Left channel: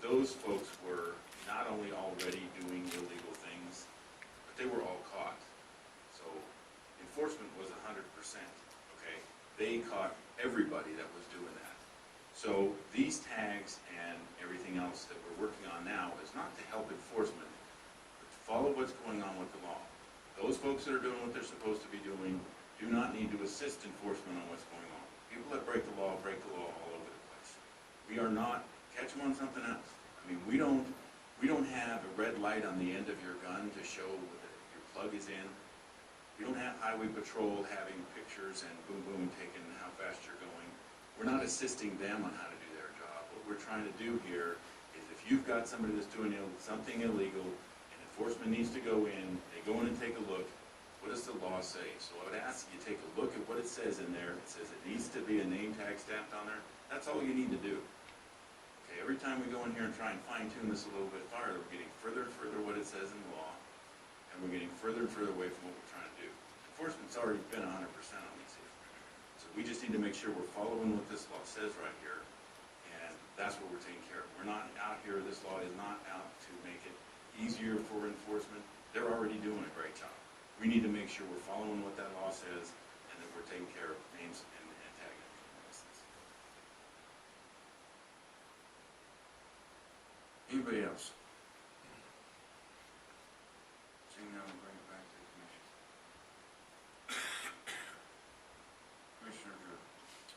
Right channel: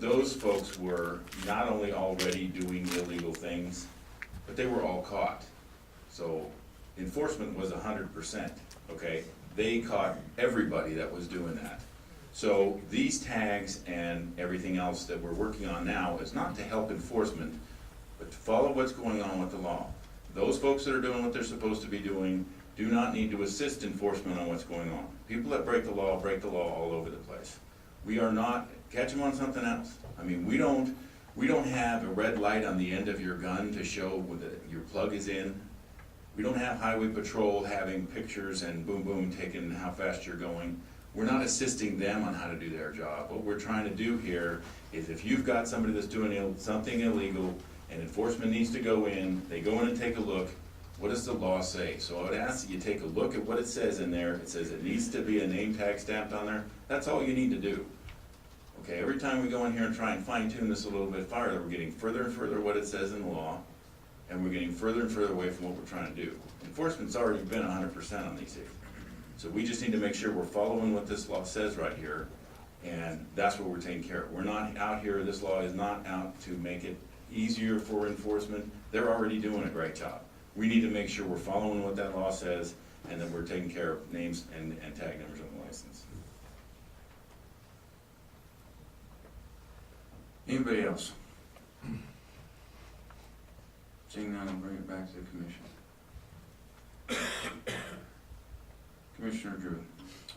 But those folks were not only already doing illegal things, but they were all caught. So enforcement was 100%, okay? They caught everybody that was doing that. So these tags and everything else that we're working on now is not to help enforcement, but to follow what's going on with the law. Those folks that are doing what they're supposed to be doing do not need to assist enforcement on what's going on. People that break the law all over the place. We are not, catch them on something else. I mean, we don't have a red light on the end of your gun to show that your plug is in. We don't have highway patrol having pictures and boom boom taking how fast you're going. We're not assisting them on how to do their job. What we're trying to do here is if you've got somebody that's doing something illegal and enforcement needs to go in, they go in and take a look. What does the law say? So I would ask that you take a look at what it says in there. It says it needs to be a name tag stamped on there. That's all you need to do. Okay, every time we go in here and try and fine tune this a little bit farther, we're getting further and further what it says in the law, and we're getting further and further away from what we're trying to do. Enforcement's already been 100% on these things. So we just need to make sure we're following what this law says right here, and that's what we're taking care of. We're not out here, this law is not out to make it easier for enforcement. They're already doing a great job. We need to make sure we're following what that law says, and that we're taking care of names and tag numbers on the license. Anybody else? Seeing none, I'll bring it back to the commission. Commissioner Drew.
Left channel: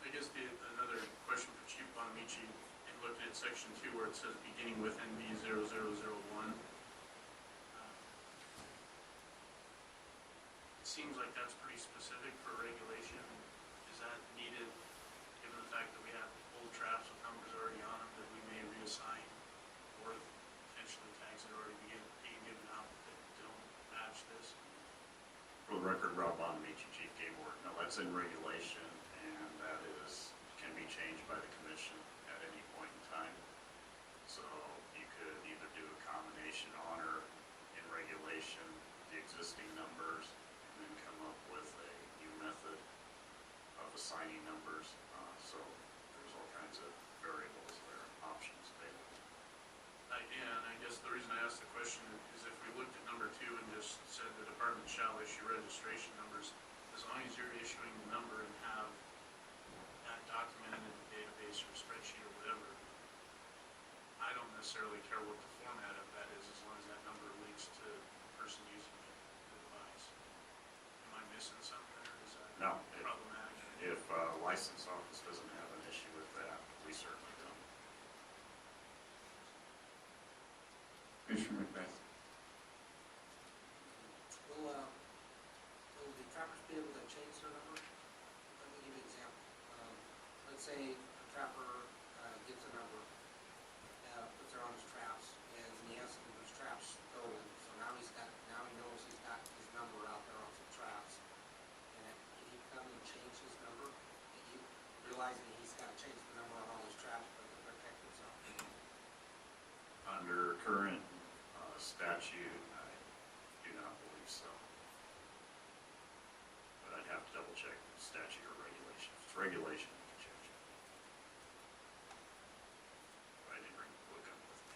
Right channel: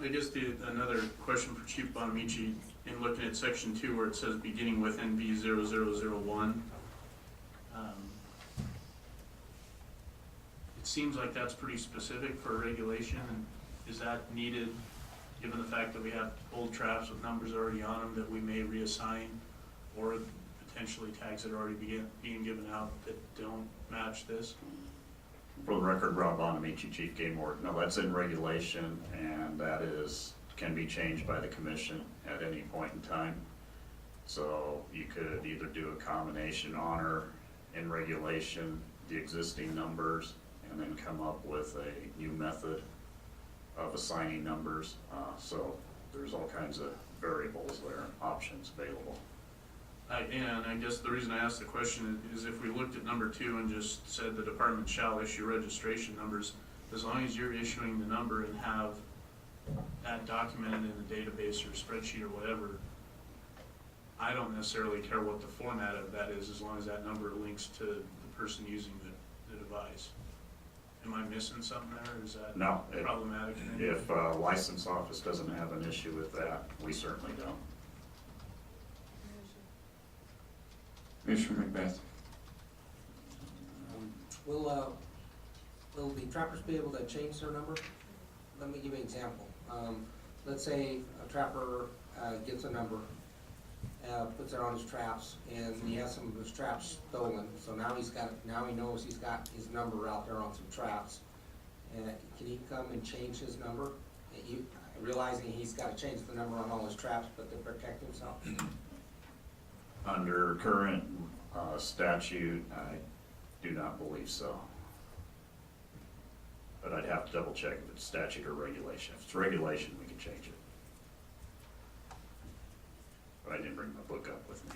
I guess another question for Chief Buonamici, in looking at section 2 where it says beginning with NB 0001, it seems like that's pretty specific for regulation. And is that needed given the fact that we have old traps with numbers already on them that we may reassign, or potentially tags that are already being given out that don't match this? For the record, Rob Buonamici, Chief Game Warden. No, that's in regulation, and that can be changed by the commission at any point in time. So you could either do a combination honor in regulation, the existing numbers, and then come up with a new method of assigning numbers. So there's all kinds of variables there, options available. And I guess the reason I asked the question is if we looked at number 2 and just said the department shall issue registration numbers, as long as you're issuing the number and have that documented in the database or spreadsheet or whatever, I don't necessarily care what the format of that is as long as that number links to the person using the device. Am I missing something there? Is that problematic? If a license office doesn't have an issue with that, we certainly don't. Commissioner Macbeth. Will the trappers be able to change their number? Let me give you an example. Let's say a trapper gets a number, puts it on his traps, and he has some of his traps stolen. So now he knows he's got his number out there on some traps. And can he come and change his number? Realizing he's got to change the number on all his traps, but to protect himself. Under current statute, I do not believe so. But I'd have to double check if it's statute or regulation. If it's regulation, we can change it. But I didn't bring my book up with me.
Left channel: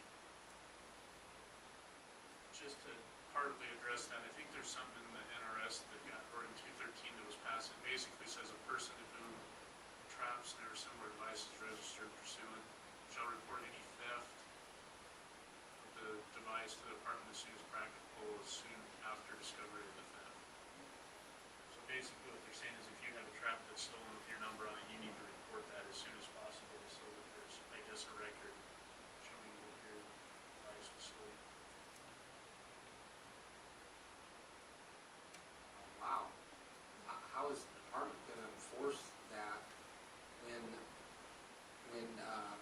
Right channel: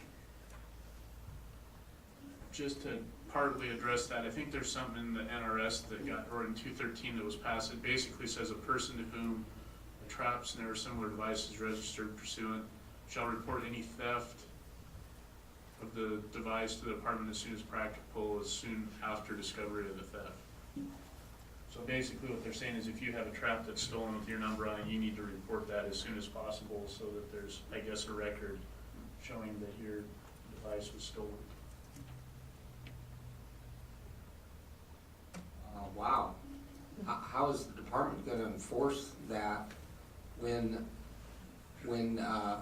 Just to partly address that, I think there's something in the NRS that got, or in 213 that was passed, it basically says a person to whom a trap, snare, or similar device is registered pursuant shall report any theft of the device to the department as soon as practicable, as soon after discovery of the theft. So basically what they're saying is if you have a trap that's stolen with your number on it, you need to report that as soon as possible so that there's, I guess, a record showing that your device was stolen. Wow. How is the department going to enforce that when a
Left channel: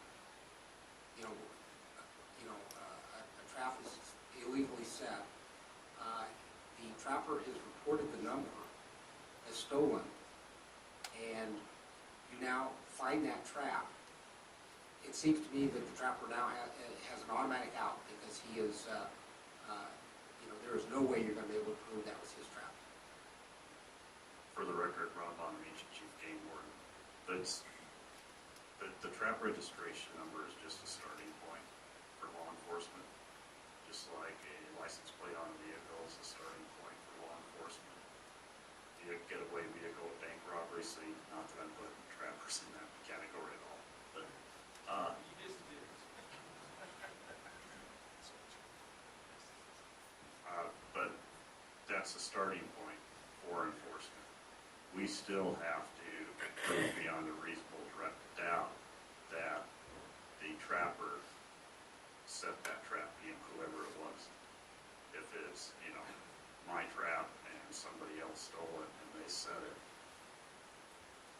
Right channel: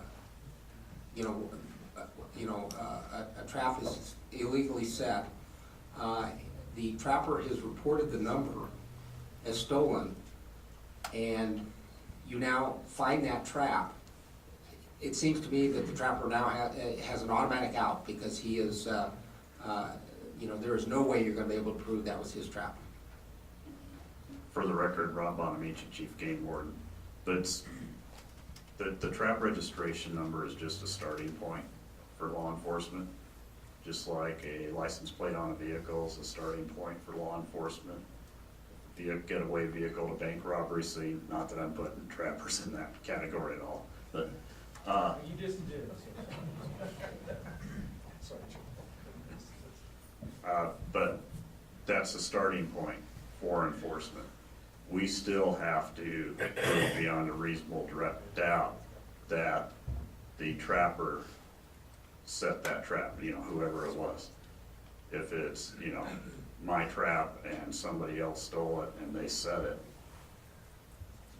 trap is illegally set? The trapper has reported the number as stolen, and you now find that trap. It seems to me that the trapper now has an automatic out because he is, there is no way you're going to be able to prove that was his trap. For the record, Rob Buonamici, Chief Game Warden. But the trap registration number is just a starting point. for law enforcement. Just like a license plate on a vehicle is a starting point for law enforcement. Getaway vehicle, a bank robbery scene, not that I'm putting trappers in that category at all, but, You just did. but that's the starting point for enforcement. We still have to prove beyond a reasonable doubt that the trapper set that trap, whoever it was. If it's, my trap and somebody else stole it and they set it,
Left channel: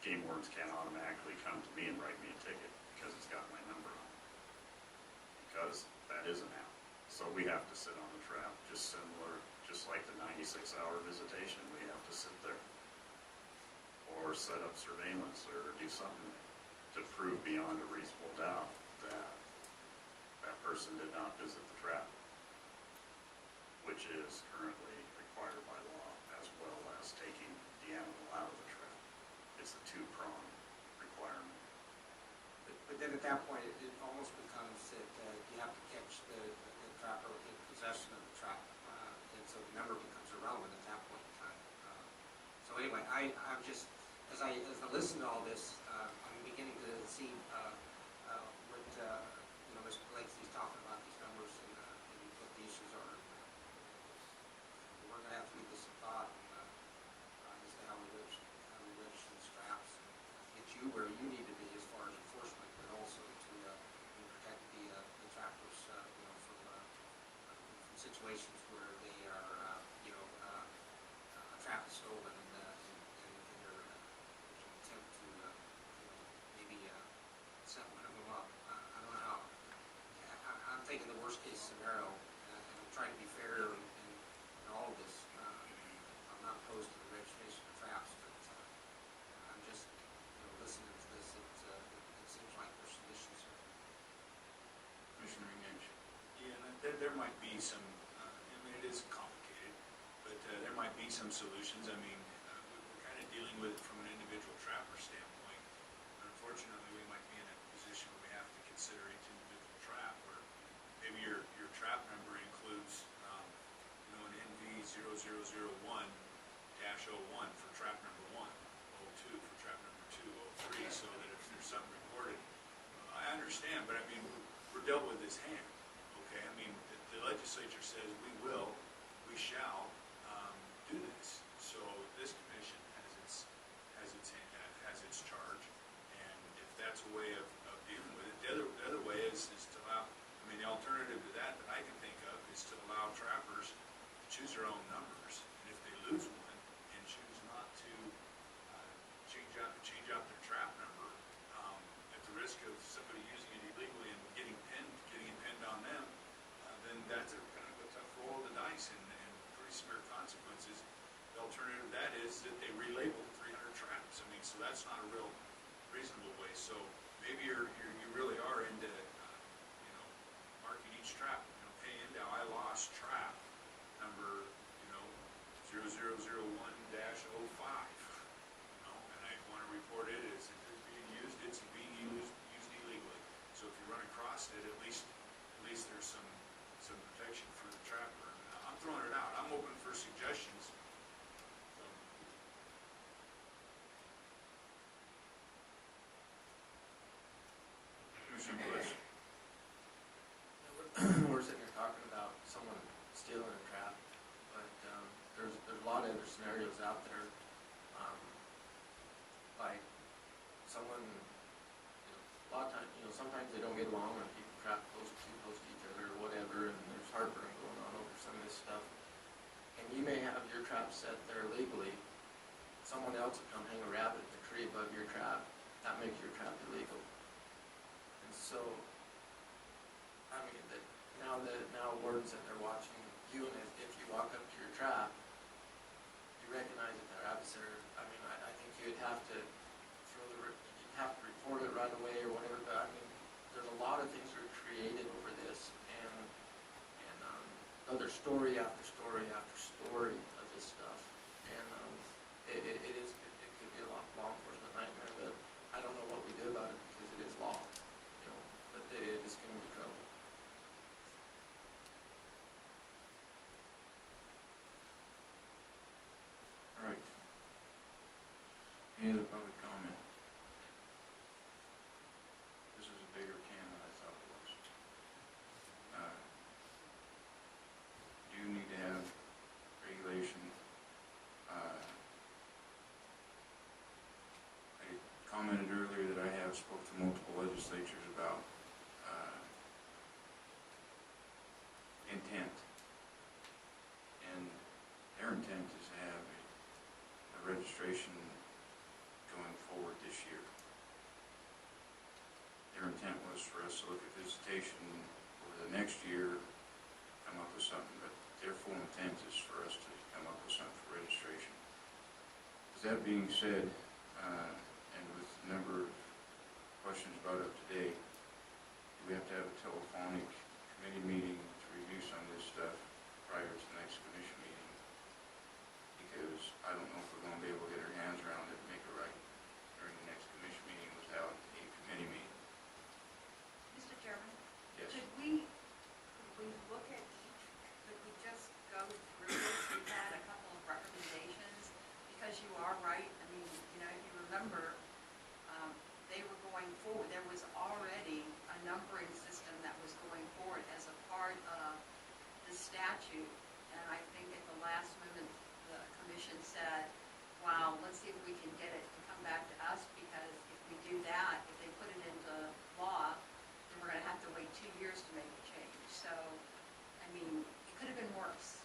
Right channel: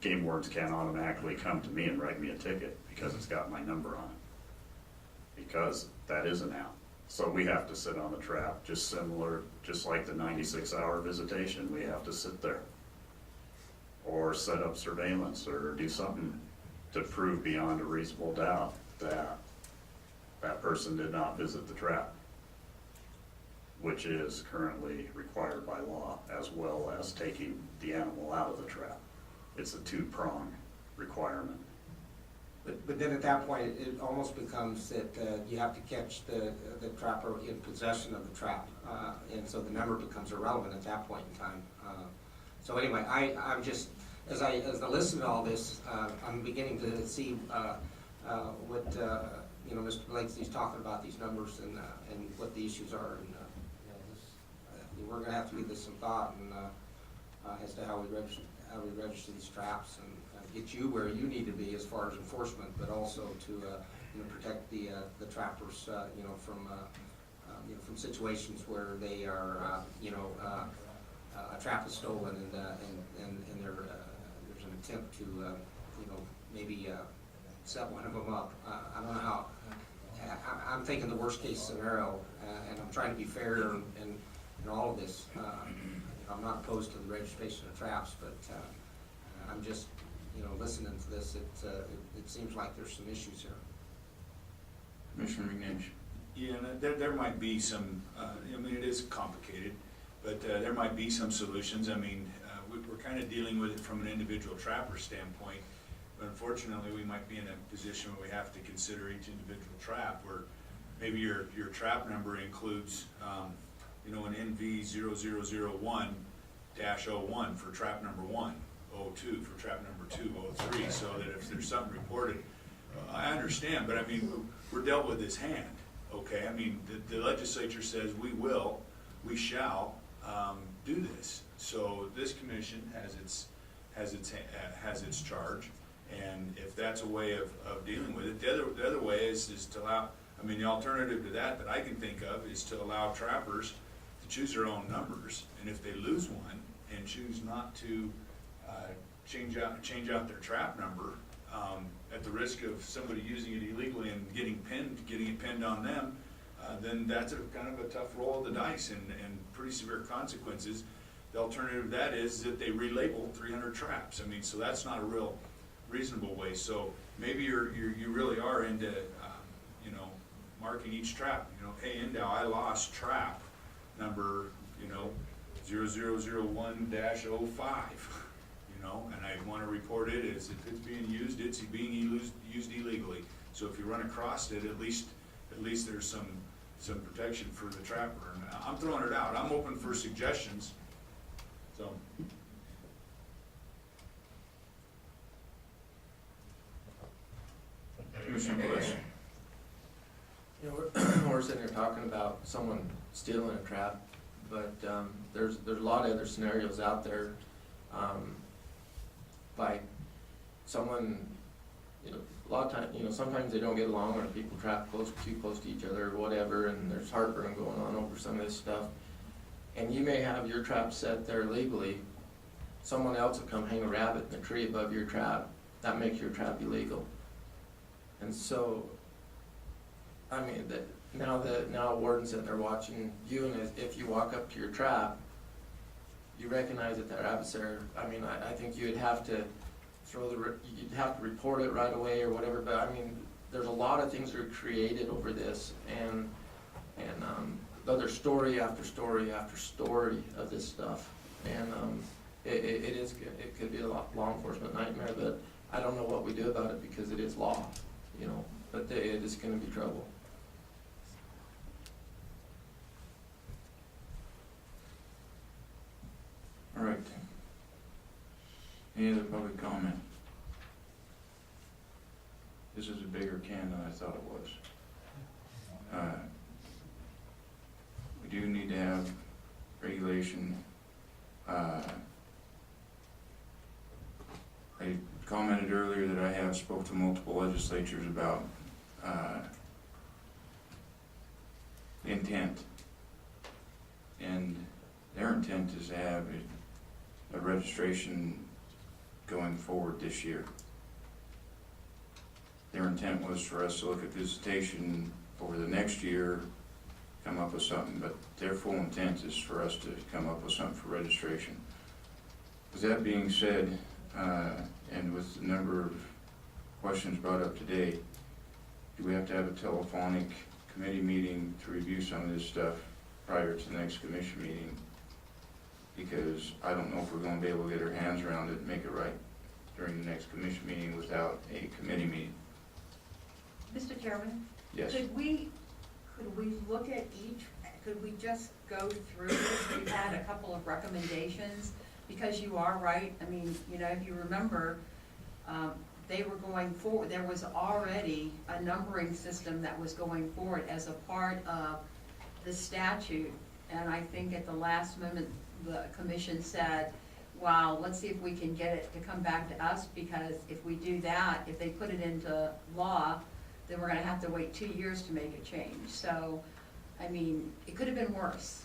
game wardens can't automatically come to me and write me a ticket because it's got my number on it. Because that isn't out. So we have to sit on the trap, just like the 96-hour visitation, we have to sit there. Or set up surveillance or do something to prove beyond a reasonable doubt that that person did not visit the trap, which is currently required by law, as well as taking the animal out of the trap. It's a two-pronged requirement. But then at that point, it almost becomes that you have to catch the trapper in possession of the trap, and so the number becomes irrelevant at that point in time. So anyway, I'm just, as I listen to all this, I'm beginning to see what Mr. Blakesley's talking about, these numbers and what the issues are. And, we're going to have to give this some thought and as to how we register these traps and get you where you need to be as far as enforcement, but also to protect the trappers from situations where they are a trap is stolen and there's an attempt to maybe set one of them up. I don't know how. I'm thinking the worst case scenario, and I'm trying to be fair in all of this. I'm not opposed to the registration of traps, but I'm just listening to this. It seems like there's some issues here. Commissioner McNish. Yeah, and there might be some, it is complicated, but there might be some solutions. We're kind of dealing with it from an individual trapper standpoint, but unfortunately, we might be in a position where we have to consider each individual trap, where maybe your trap number includes, an NV0001-01 for trap number 1, 02 for trap number 2, 03, so that if there's something reported, I understand, but we're dealt with this hand, okay? The legislature says we shall do this. So this commission has its charge, and if that's a way of dealing with it, the other way is to allow. The alternative to that I can think of is to allow trappers to choose their own numbers, and if they lose one and choose not to change out their trap number, at the risk of somebody using it illegally and getting it pinned on them, then that's kind of a tough roll of the dice and pretty severe consequences. The alternative to that is that they relabel 300 traps. So that's not a real reasonable way. So maybe you really are into marking each trap. Hey, Endow, I lost trap number 0001-05. And I want to report it as if it's being used. It's being used illegally. So if you run across it, at least there's some protection for the trapper. And I'm throwing it out. I'm open for suggestions. So. Commissioner Bush. We're sitting here talking about someone stealing a trap, but there's a lot of other scenarios out there, like someone, a lot of times, sometimes they don't get along, or people trap too close to each other or whatever, and there's heartburn going on over some of this stuff. And you may have your trap set there legally. Someone else will come hang a rabbit in the tree above your trap. That makes your trap illegal. And so, now wardens sitting there watching you, and if you walk up to your trap, you recognize that they're adversary. I think you'd have to you'd have to report it right away or whatever. But there's a lot of things that are created over this, and there's story after story after story of this stuff, and it could be a law enforcement nightmare. But I don't know what we do about it because it is law, but it is going to be trouble. spoke to multiple legislatures about, intent. And their intent is to have a registration going forward this year. Their intent was for us to look at visitation over the next year, come up with something, but their full intent is for us to come up with something for registration. With that being said, and with the number of questions brought up today, do we have to have a telephonic committee meeting to review some of this stuff prior to the next commission meeting? Because I don't know if we're gonna be able to get our hands around it and make it right during the next commission meeting without a committee meeting. Mr. Chairman? Yes. Could we look at could we just go through this? We had a couple of recommendations, because you are right. I mean, you know, if you remember, they were going forward, there was already a numbering system that was going forward as a part of the statute. And I think at the last moment, the commission said, wow, let's see if we can get it to come back to us, because if we do that, if they put it into law, then we're gonna have to wait 2 years to make a change. So, I mean, it could have been worse.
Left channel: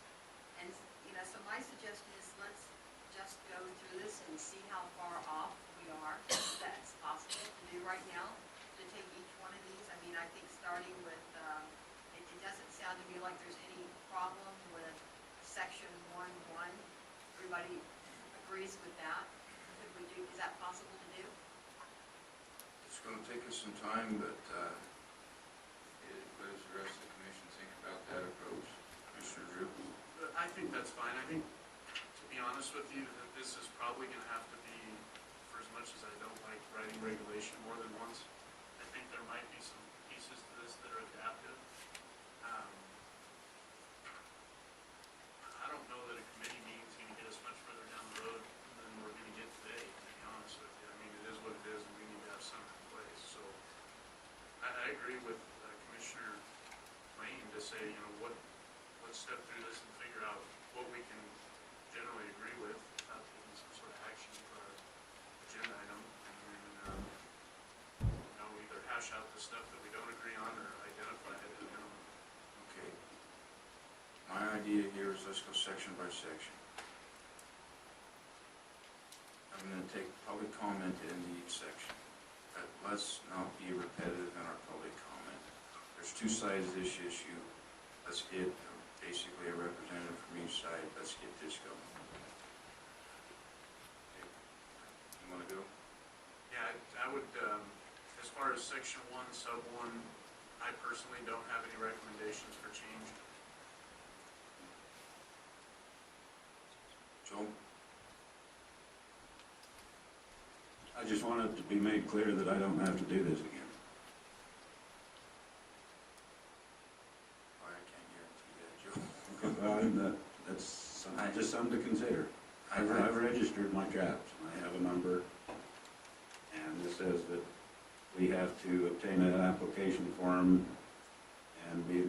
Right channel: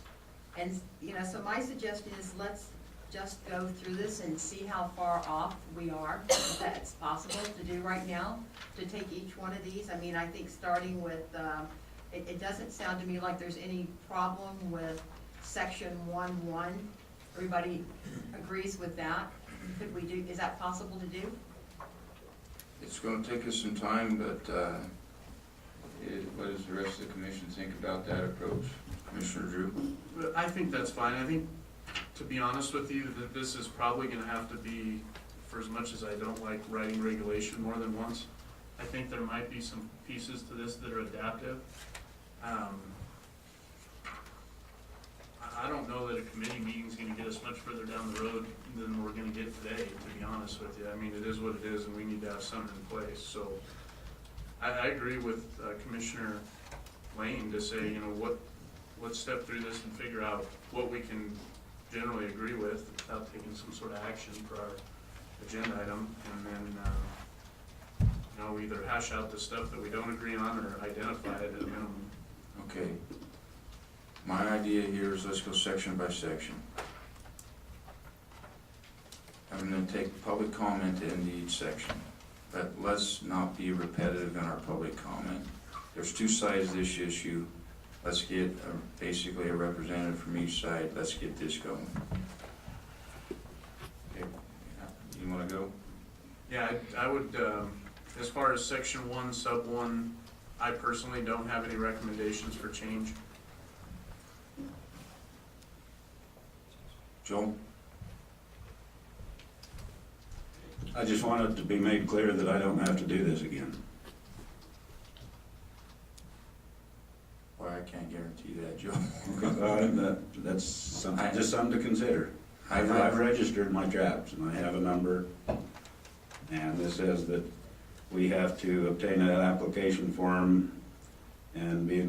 And, you know, so my suggestion is let's just go through this and see how far off we are, if that's possible to do right now, to take each one of these. I mean, I think starting with, it doesn't sound to me like there's any problem with section 1.1. Everybody agrees with that. Could we do, is that possible to do? It's gonna take us some time, but, what does the rest of the commission think about that approach? Commissioner Drew? But I think that's fine. I think, to be honest with you, that this is probably gonna have to be, for as much as I don't like writing regulation more than once, I think there might be some pieces to this that are adaptive. I don't know that a committee meeting's gonna get us much further down the road than we're gonna get today, to be honest with you. I mean, it is what it is, and we need to have something in place, so. I agree with Commissioner Lane to say, you know, let's step through this and figure out what we can generally agree with without taking some sort of action for our agenda item, and then, you know, either hash out the stuff that we don't agree on or identify it at a minimum. Okay. My idea here is let's go section by section. I'm gonna take public comment into each section, but let's not be repetitive in our public comment. There's two sides to this issue. Let's get basically a representative from each side. Let's get this going. Okay. You wanna go? Yeah, I would, as far as section 1, sub 1, I personally don't have any recommendations for change. Joe? I just want it to be made clear that I don't have to do this again. Well, I can't guarantee that, Joe. That's just something to consider. I've registered my traps and I have a number. And this says that we have to obtain an application form and be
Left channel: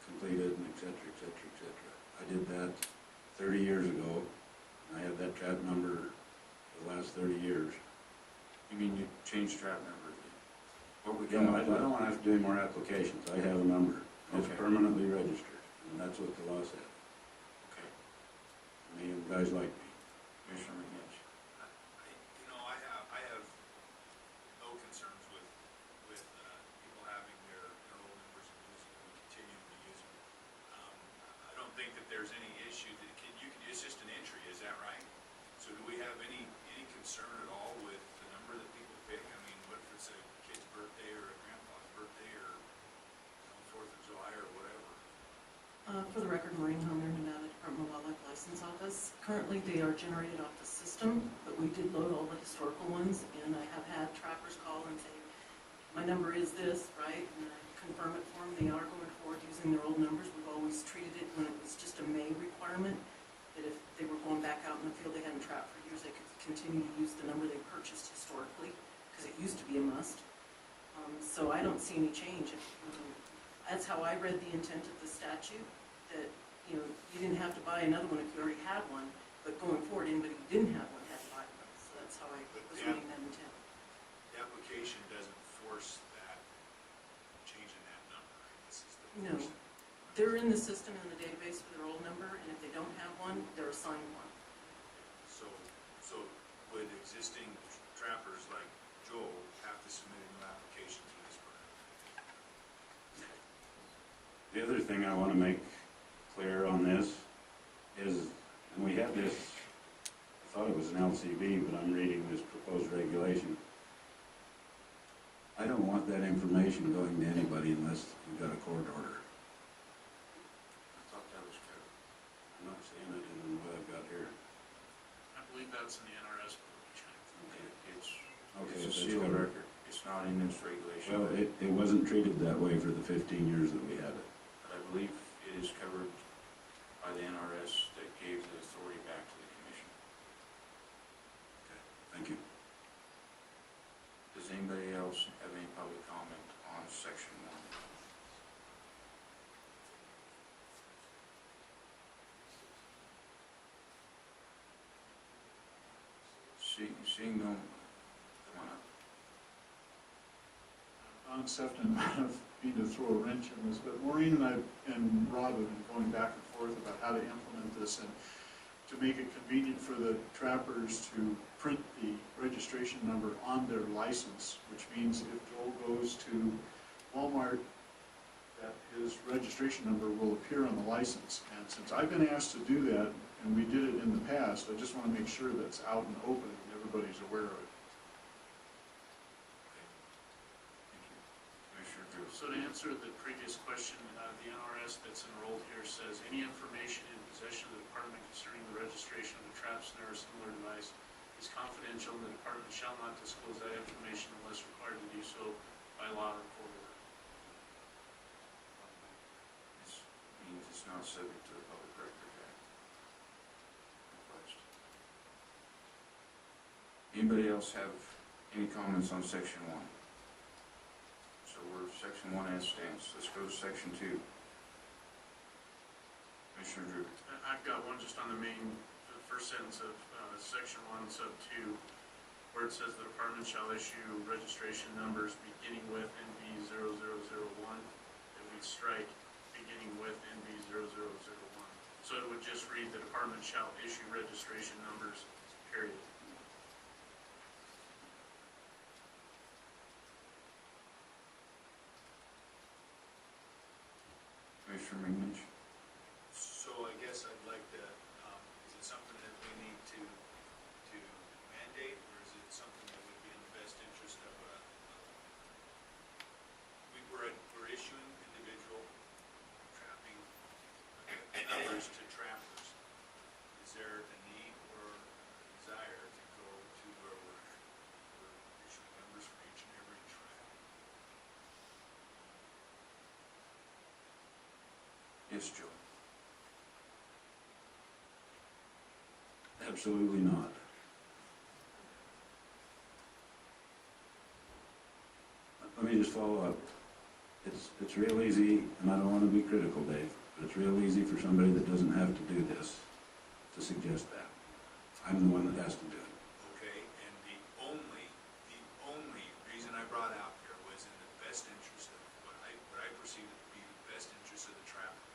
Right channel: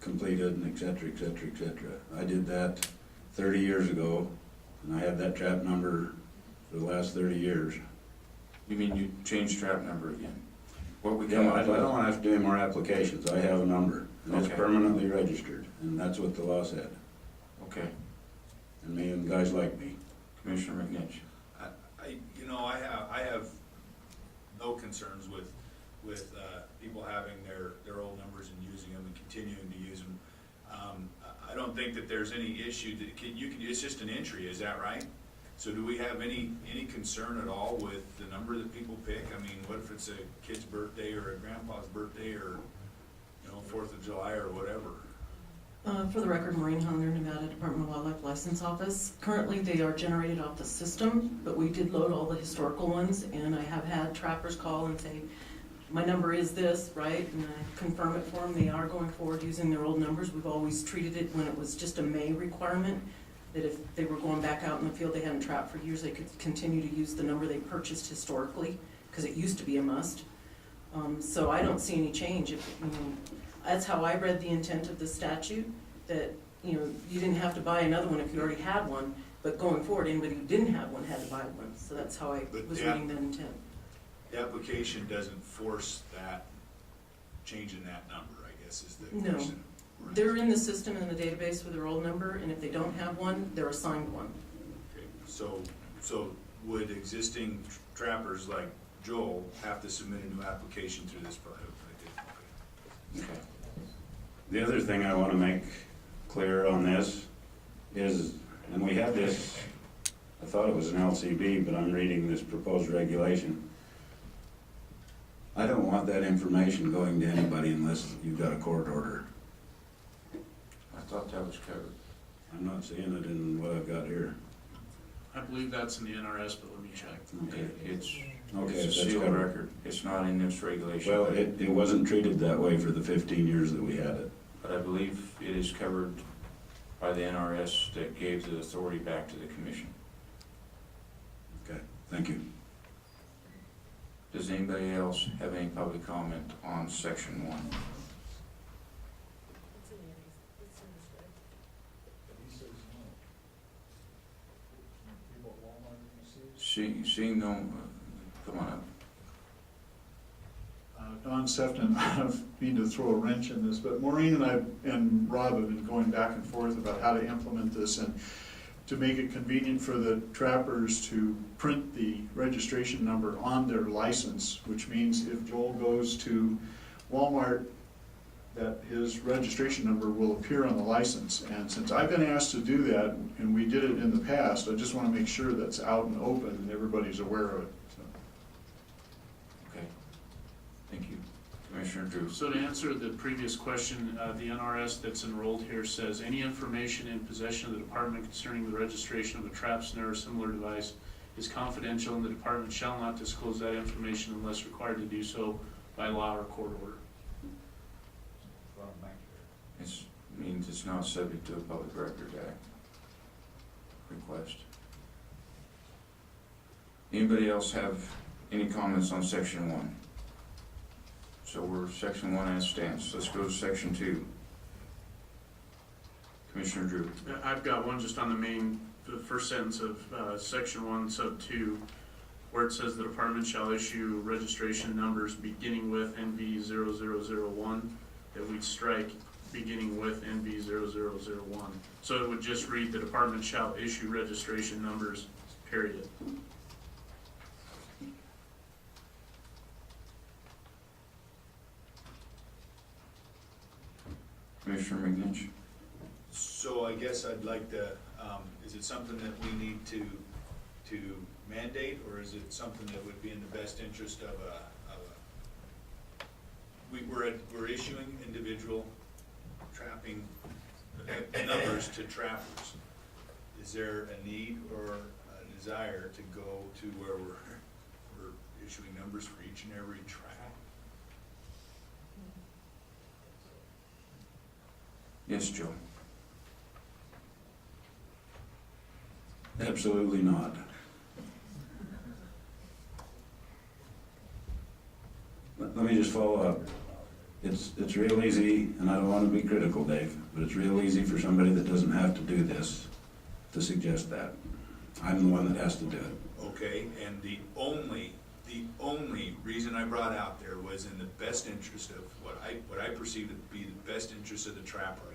completed and et cetera, et cetera, et cetera. I did that 30 years ago and I had that trap number for the last 30 years. You mean you changed trap number again? What we Yeah, come I up with? don't have to do any more applications. I have a number and it's Okay. permanently registered and that's what the law said. Okay. And me and guys like me. Commissioner McNitch? I have no concerns with people having their old numbers and using them and continuing to use them. I don't think that there's any issue that it's just an entry, is that right? So do we have any concern at all with the number that people pick? I mean, what if it's a kid's birthday or a grandpa's birthday or, 4th of July or whatever? For the record, Maureen Hunter, Nevada Department of Wildlife License Office. Currently, they are generated off the system, but we did load all the historical ones, and I have had trappers call and say, my number is this, right? And I confirm it for them. They are going forward using their old numbers. We've always treated it when it was just a May requirement, that if they were going back out in the field, they hadn't trapped for years, they could continue to use the number they purchased historically, because it used to be a must. So I don't see any change. That's how I read the intent of the statute, that, you didn't have to buy another one if you already had one, but going forward, anybody who didn't have one had to buy one. So that's how I was reading that intent. The application doesn't force that, change in that number, I guess is the No. question. They're in the system in the database with their old number, and if they don't have one, they're assigned one. Okay, so would existing trappers like Joel have to submit a new application through this part of it? Okay. The other thing I want to make clear on this is, and we had this, I thought it was an LCB, but I'm reading this proposed regulation. I don't want that information going to anybody unless you've got a court order. I thought that was covered. I'm not seeing it in what I've got here. I believe that's in the NRS, but let me check. It's Okay, a that's sealed covered. record. It's not in this regulation. Well, it wasn't treated that way for the 15 years that we had it. But I believe it is covered by the NRS that gave the authority back to the commission. Okay, thank you. Does anybody else have any public comment on section 1? Seeing no, come on up. Don Sefton, I don't mean to throw a wrench in this, but Maureen and I and Rob have been going back and forth about how to implement this and to make it convenient for the trappers to print the registration number on their license, which means if Joel goes to Walmart, that his registration number will appear on the license. And since I've been asked to do that, and we did it in the past, I just want to make sure that's out and open and everybody's aware of it. Okay. Thank you. Commissioner Drew. So to answer the previous question, the NRS that's enrolled here says, any information in possession of the department concerning the registration of a trap, snare, or similar device is confidential, and the department shall not disclose that information unless required to do so by law or court order. This means it's not subject to the Public Record Act request. Anybody else have any comments on section 1? So we're section 1 as stands. Let's go to section 2. Commissioner Drew. I've got one just on the first sentence of section 1, sub 2, where it says the department shall issue registration numbers beginning with NB0001, that we'd strike beginning with NB0001. So it would just read, the department shall issue registration numbers, period. Commissioner McNinch. So I guess I'd like to, is it something that we need to mandate, or is it something that would be in the best interest of we're issuing individual trapping numbers to trappers. Is there a need or a desire to go to where we're issuing numbers for each and every trap? Yes, Joe. Absolutely not. Let me just follow up. It's real easy, and I don't want to be critical, Dave, but it's real easy for somebody that doesn't have to do this to suggest that. I'm the one that has to do it. Okay, and the only reason I brought out there was in the best interest of what I perceive to be the best interest of the trapper.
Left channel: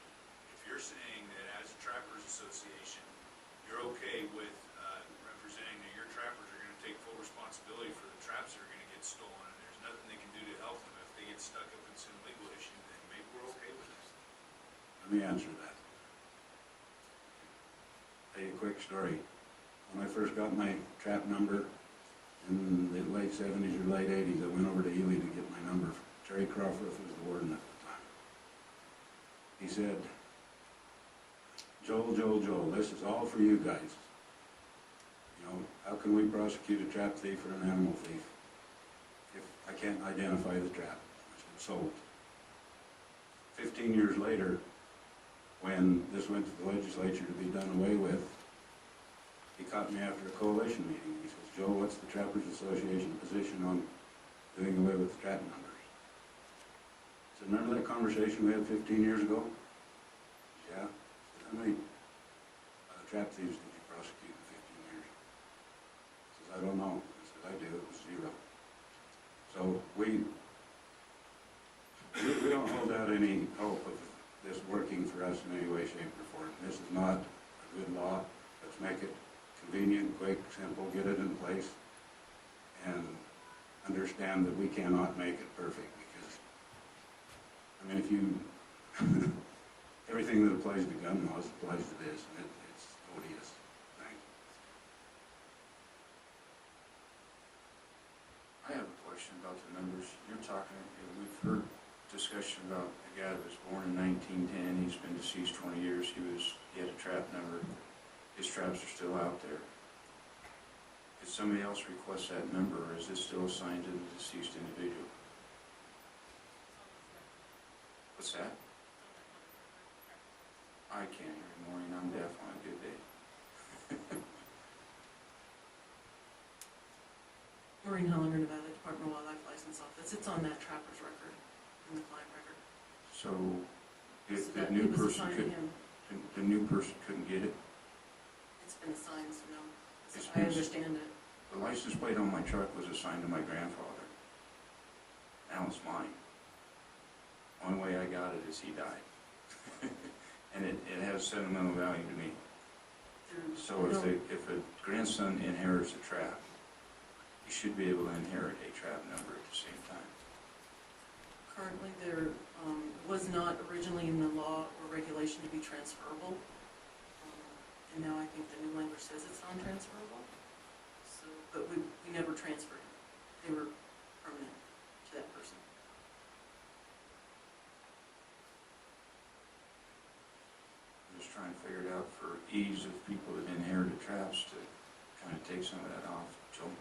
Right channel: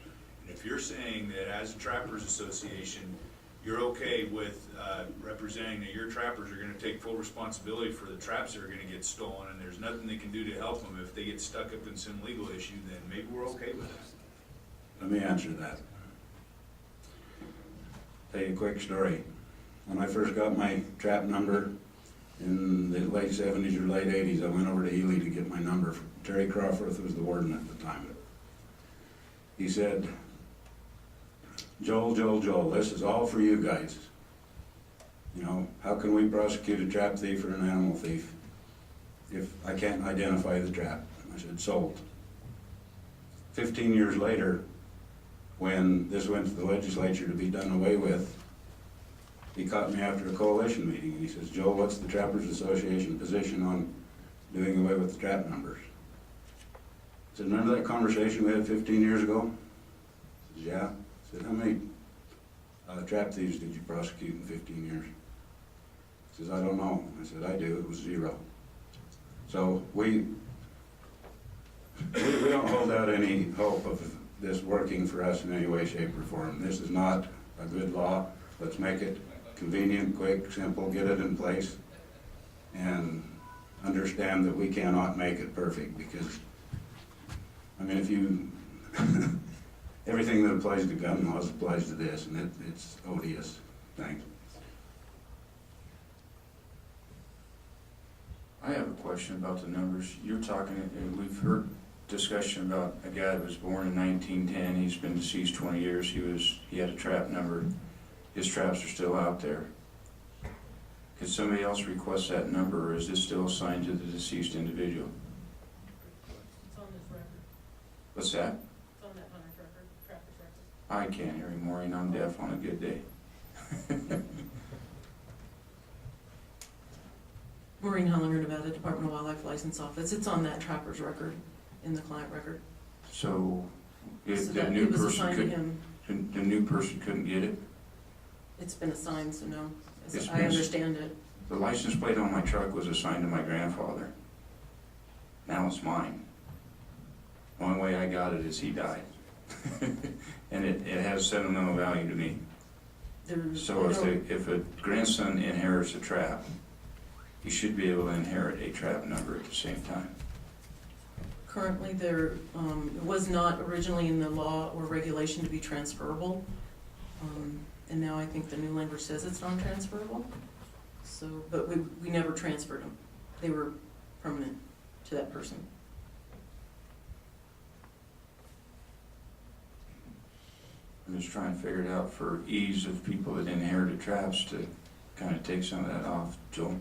And if you're saying that as a trappers association, you're okay with representing that your trappers are going to take full responsibility for the traps that are going to get stolen, and there's nothing they can do to help them if they get stuck up in some legal issue, then maybe we're okay with that. Let me answer that. Tell you a quick story. When I first got my trap number in the late 70s or late 80s, I went over to Ely to get my number. Terry Crawford was the warden at the time. He said, Joel, this is all for you guys. You know, how can we prosecute a trap thief or an animal thief if I can't identify the trap? I said, sold. 15 years later, when this went to the legislature to be done away with, he caught me after a coalition meeting. He says, Joe, what's the Trappers Association position on doing away with the trap numbers? I said, remember that conversation we had 15 years ago? He said, yeah. I said, how many trap thieves did you prosecute in 15 years? He says, I don't know. I said, I do. It was 0. So we don't hold out any hope of this working for us in any way, shape, or form. This is not a good law. Let's make it convenient, quick, simple, get it in place, and understand that we cannot make it perfect, because, I mean, if you, everything that applies to gun laws applies to this, and it's odious. Thanks. I have a question about the numbers. You're talking, and we've heard discussion about a guy that was born in 1910, he's been deceased 20 years, he had a trap number, his traps are still out there. Could somebody else request that number, or is this still assigned to the deceased individual? It's on this record. What's that? It's on that hunter's record, trapper's record. I can't hear you, Maureen, I'm deaf on a good day. Maureen Hollinger, Nevada Department of Wildlife License Office. It's on that trapper's record, in the client record. So, So if that the new it was person assigned to could, him. the new person couldn't get it? It's been assigned, so no. It's I been- understand it. The license plate on my truck was assigned to my grandfather. Now it's mine. Only way I got it is he died. And it has sentimental value to me. There's, So if a grandson inherits a trap, he should be able to inherit a trap number at the same time. currently there, it was not originally in the law or regulation to be transferable. And now I think the new language says it's non-transferable. So, but we never transferred them. They were permanent to that person. I'm just trying to figure it out for ease of people that inherited traps to kind of take some of that off. Joel?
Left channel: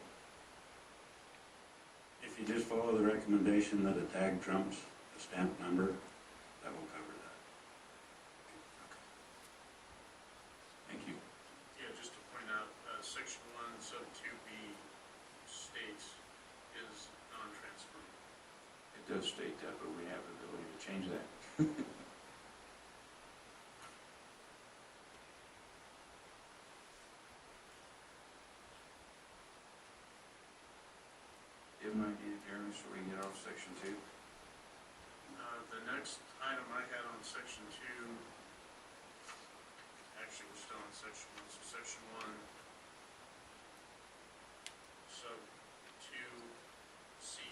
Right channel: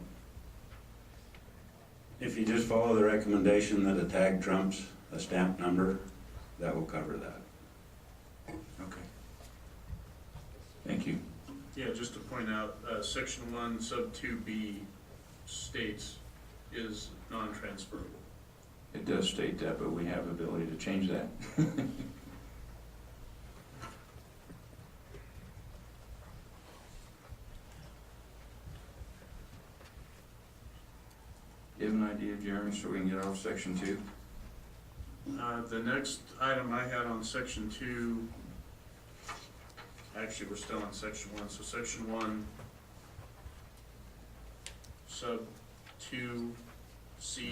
If you just follow the recommendation that a tag trumps a stamp number, that will cover that. Okay. Thank you. Yeah, just to point out, section 1, sub 2B states is non-transferable. It does state that, but we have the ability to change that. You have an idea, Jeremy, so we can get off section 2? The next item I had on section 2, actually, we're still on section 1, so section 1, sub 2C,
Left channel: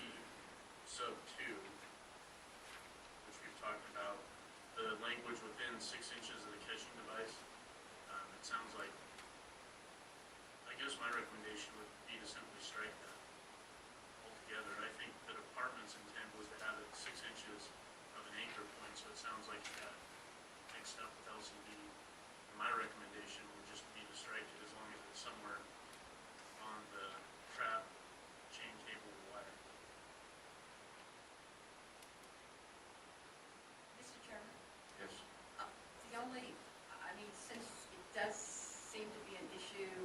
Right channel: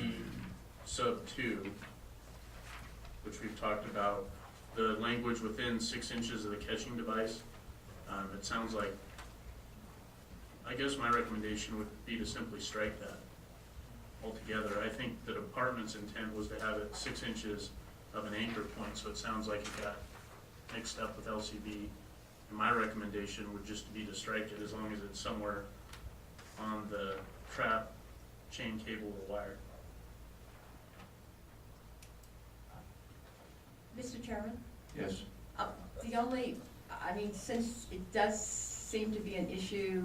sub 2, which we've talked about, the language within 6 inches of the catching device, it sounds like, I guess my recommendation would be to simply strike that altogether. I think the department's intent was to have it 6 inches of an anchor point, so it sounds like it got mixed up with LCB. And my recommendation would just be to strike it as long as it's somewhere on the trap, chain, cable, or wire. Mr. Chairman? Yes. The only, I mean, since it does seem to be an issue,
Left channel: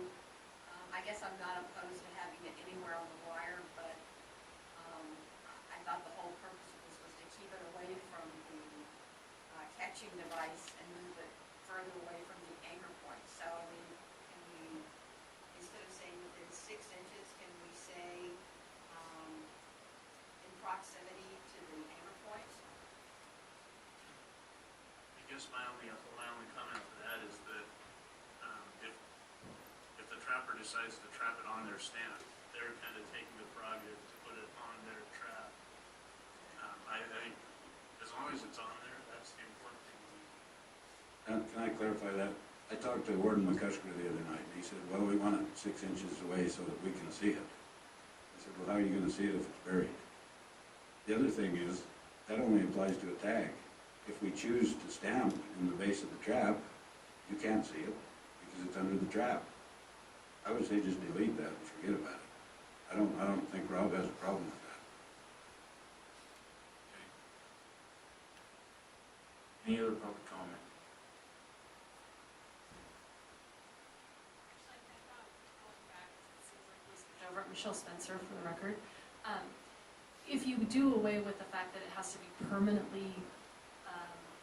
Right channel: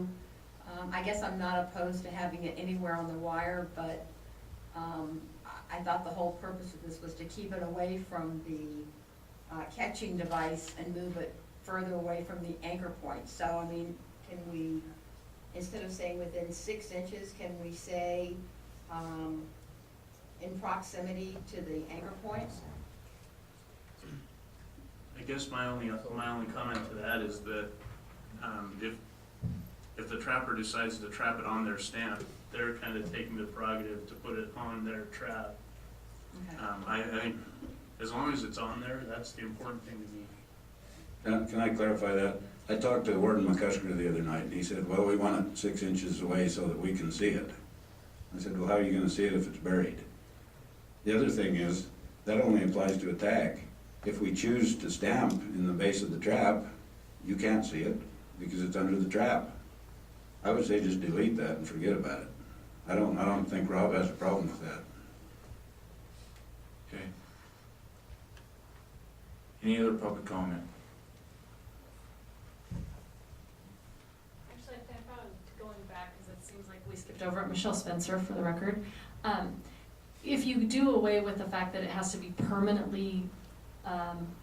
I guess I'm not opposed to having it anywhere on the wire, but I thought the whole purpose of this was to keep it away from the catching device and move it further away from the anchor point. So, I mean, can we, instead of saying within 6 inches, can we say in proximity to the anchor point? I guess my only comment to that is that if the trapper decides to trap it on their stamp, they're kind of taking the prerogative to put it on their trap. Okay. I think as long as it's on there, that's the important thing to me. Can I clarify that? I talked to Warden McCusker the other night, and he said, well, we want it 6 inches away so that we can see it. I said, well, how are you gonna see it if it's buried? The other thing is, that only applies to a tag. If we choose to stamp in the base of the trap, you can't see it because it's under the trap. I would say just delete that and forget about it. I don't think Rob has a problem with that. Okay. Any other public comment? Actually, I think going back, because it seems like we skipped over it, Michelle Spencer for the record. If you do away with the fact that it has to be permanently,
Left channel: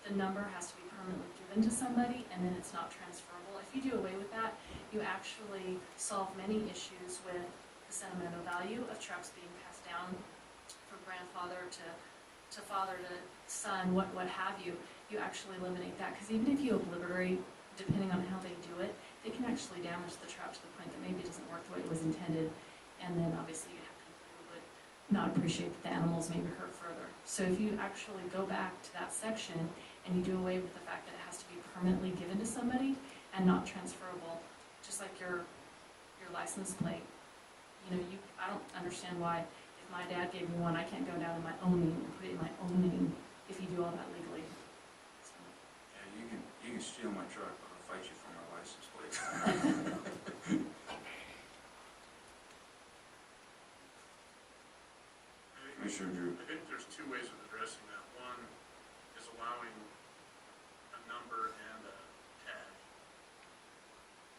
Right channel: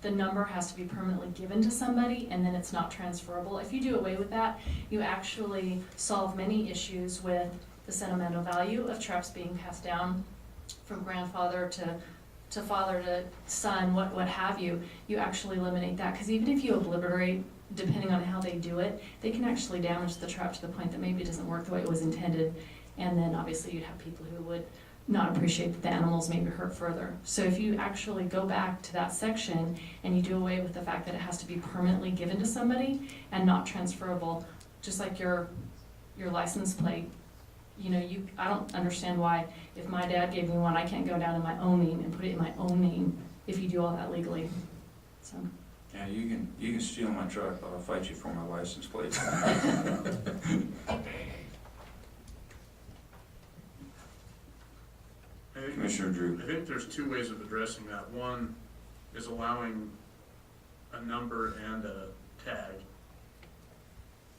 the number has to be permanently given to somebody and then it's not transferable, if you do away with that, you actually solve many issues with the sentimental value of traps being passed down from grandfather to father to son, what have you, you actually eliminate that, because even if you obliterate, depending on how they do it, they can actually damage the trap to the point that maybe it doesn't work the way it was intended, and then obviously you'd have people who would not appreciate that the animals may be hurt further. So if you actually go back to that section and you do away with the fact that it has to be permanently given to somebody and not transferable, just like your license plate, you know, I don't understand why if my dad gave me one, I can't go down in my own name and put it in my own name if you do all that legally, so. Yeah, you can steal my truck, but I'll fight you for my license plate. Commissioner Drew. I think there's two ways of addressing that. One is allowing a number and a tag.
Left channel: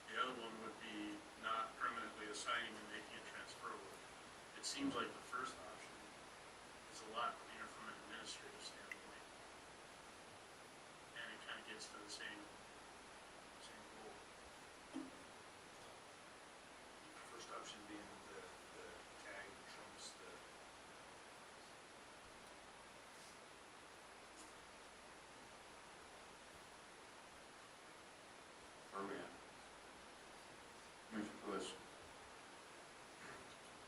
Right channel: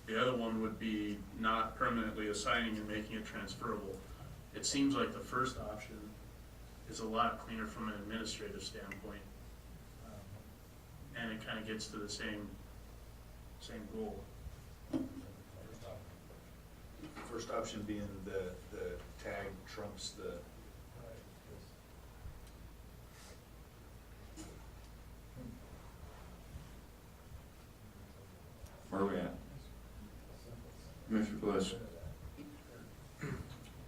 The other one would be not permanently assigning and making it transferable. It seems like the first option is a lot cleaner from an administrative standpoint. And it kind of gets to the same goal. The first option being the tag trumps the. Where are we at? Commissioner Bliss.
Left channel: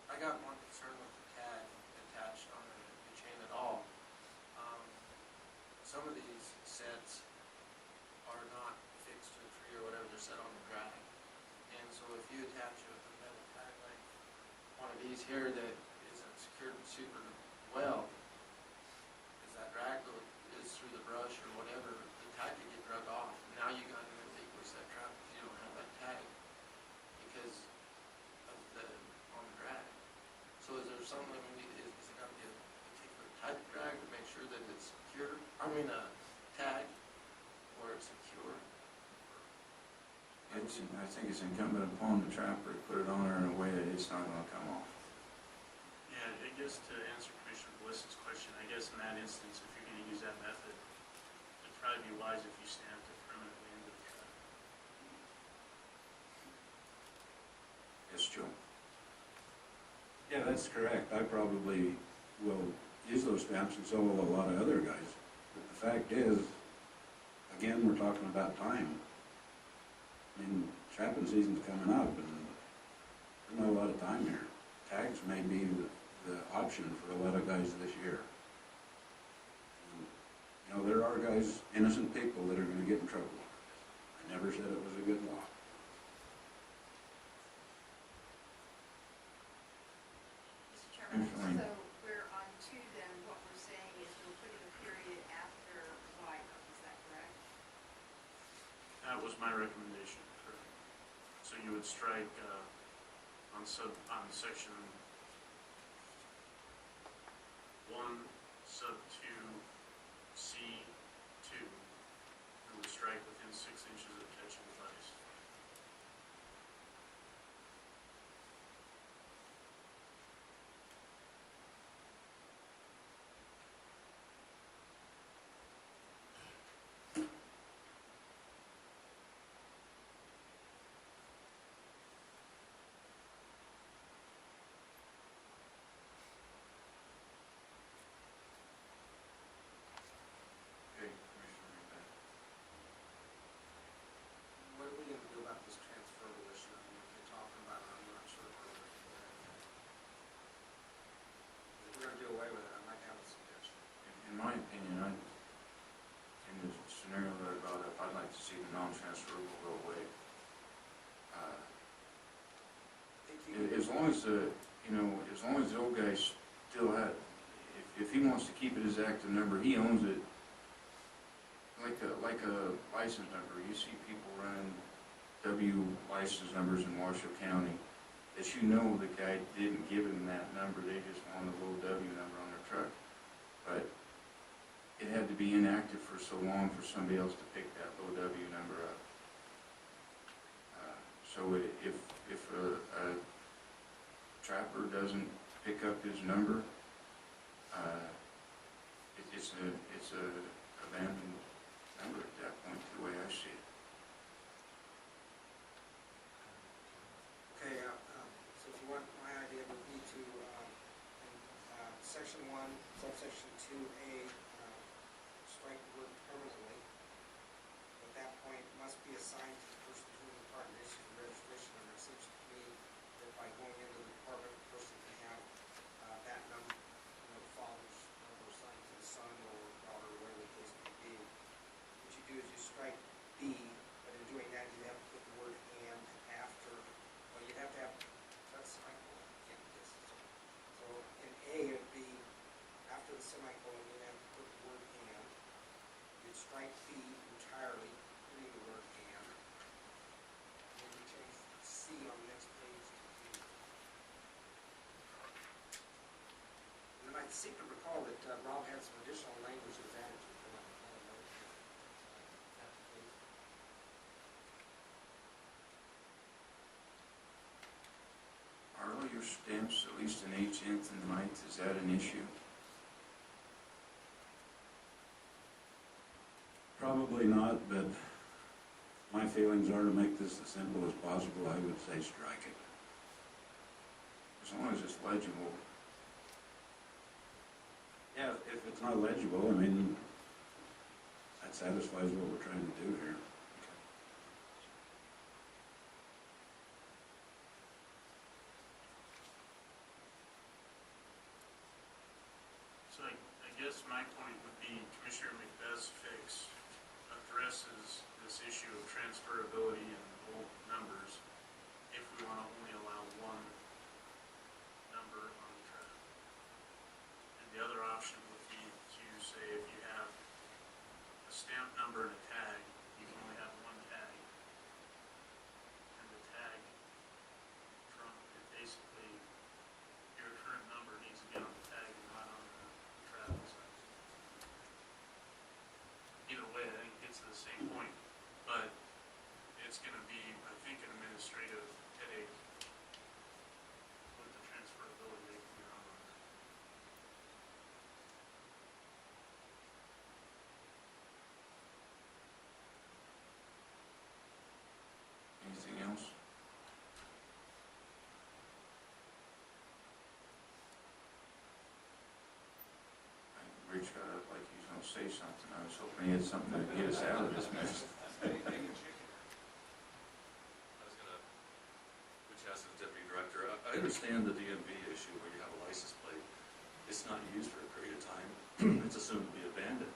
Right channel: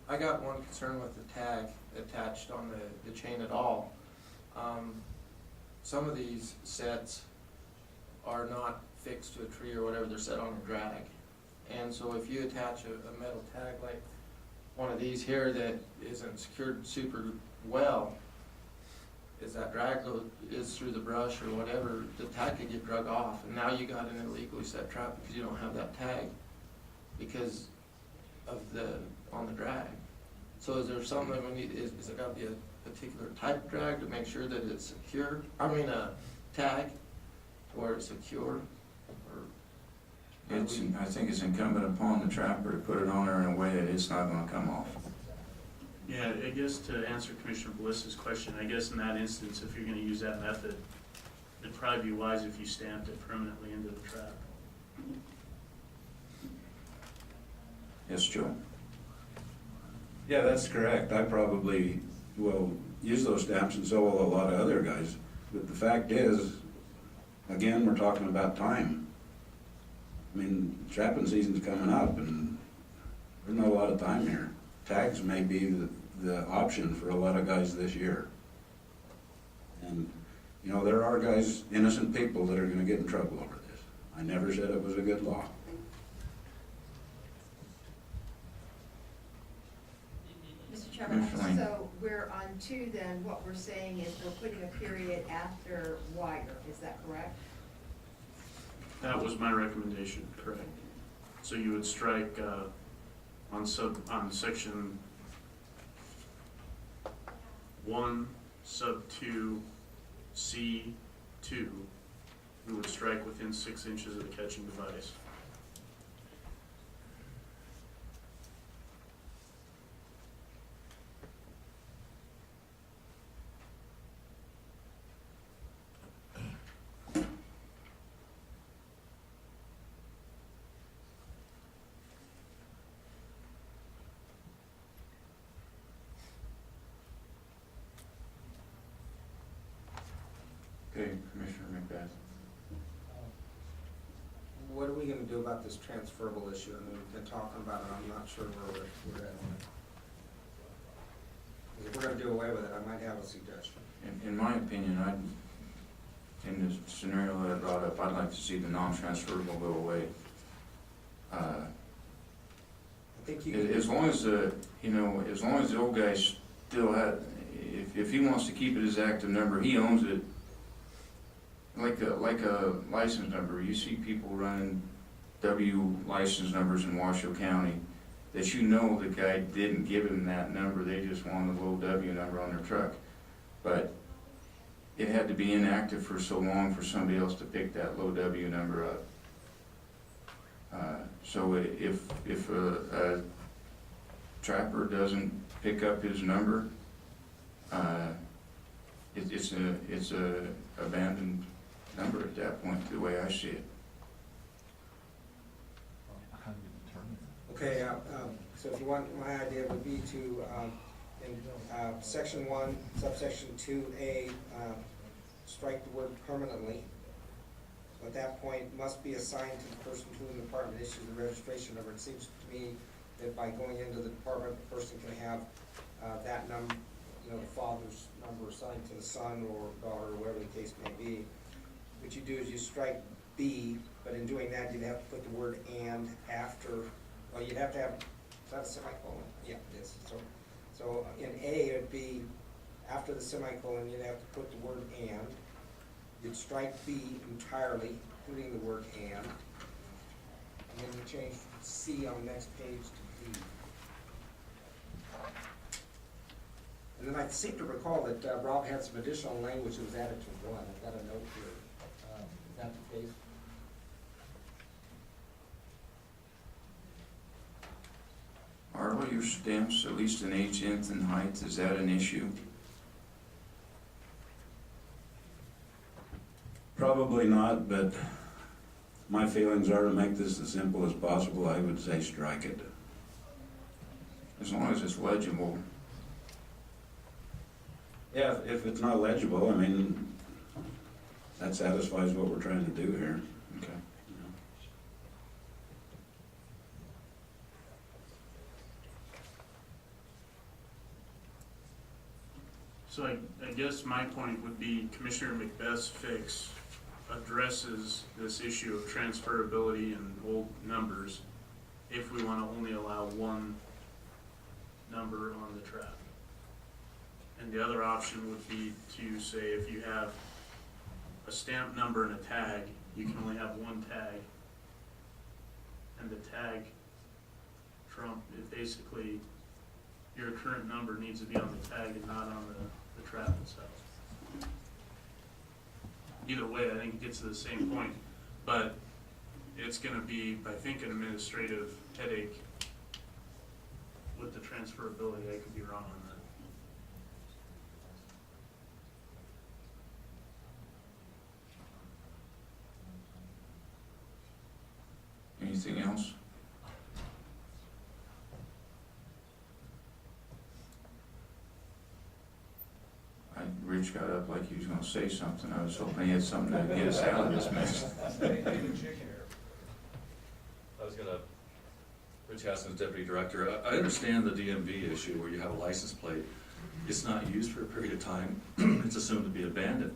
I got one concern with the tag attached on the chain at all. Some of these sets are not fixed to a tree or whatever, they're set on a drag. And so if you attach a metal tag like one of these here that isn't secured super well, as that drag load is through the brush or whatever, the tag could get drug off, and now you got an illegally set trap because you don't have that tag because of on the drag. So is there something that we need, is it gotta be a particular type of drag to make sure that it's secure? I mean, a tag where it's secure? I think it's incumbent upon the trapper to put it on there in a way that it's not gonna come off. Yeah, I guess to answer Commissioner Bliss's question, I guess in that instance, if you're gonna use that method, it'd probably be wise if you stamped it permanently into the trap. Yes, Joe? Yeah, that's correct. I probably will use those stamps, and so will a lot of other guys. But the fact is, again, we're talking about time. I mean, trapping season's coming up, and there's not a lot of time here. Tags may be the option for a lot of guys this year. And, you know, there are guys, innocent people, that are gonna get in trouble over this. I never said it was a good law. Mr. Chairman, Commissioner Lane. so we're on 2 then, what we're saying is we're putting a period after wire, is that correct? That was my recommendation, correct. So you would strike, on section 1, sub 2, C 2, you would strike within 6 inches of the catching device. Okay, Commissioner McBath. What are we gonna do about this transferable issue? I mean, we've been talking about it, I'm not sure where we're at on it. If we're gonna do away with it, I might have a suggestion. In my opinion, in the scenario that I brought up, I'd like to see the non-transferable go away. I think you As long as as long as the old guy still had, if he wants to keep it as active number, he owns it. Like a license number, you see people running W license numbers in Washoe County that you know the guy didn't give him that number, they just wanted a little W number on their truck. But it had to be inactive for so long for somebody else to pick that low W number up. So if a trapper doesn't pick up his number, it's a abandoned number at that point, the way I see it. Okay, so if you want, my idea would be to, and in section 1, subsection 2A, strike the word permanently. At that point, must be assigned to the person to whom the department issues the registration number. It seems to me that by going into the department, the person can have that number, father's number assigned to the son or daughter, or whatever the case may be. What you do is you strike B, but in doing that, you'd have to put the word and after, well, you'd have to have, is that a semicolon? Yeah, it is. So in A, it'd be after the semicolon, you'd have to put the word and. You'd strike B entirely, including the word and then you change C on the next page to D. And then I seem to recall that Rob had some additional language that was added to 1. I've got a note here. Is that the case? Are all your stamps at least an inch length and height? Is that an issue? Probably not, but my feelings are to make this as simple as possible. I would say strike it. As long as it's legible. Yeah, if it's not legible, I mean, that satisfies what we're trying to do here. Okay. So I guess my point would be Commissioner Macbeth's fix addresses this issue of transferability and old numbers if we want to only allow one number on the trap. And the other option would be to say if you have a stamp number and a tag, you can only have one tag. And the tag trump, it basically, your current number needs to be on the tag and not on the trap itself. Either way, I think it gets to the same point, but it's gonna be, I think, an administrative headache with the transferability. I could be wrong on that. Anything else? Rich got up like he was gonna say something. I was hoping he had something to get us out of this mess. Rich Haskins, Deputy Director. I understand the DMV issue where you have a license plate. It's not used for a period of time. It's assumed to be abandoned.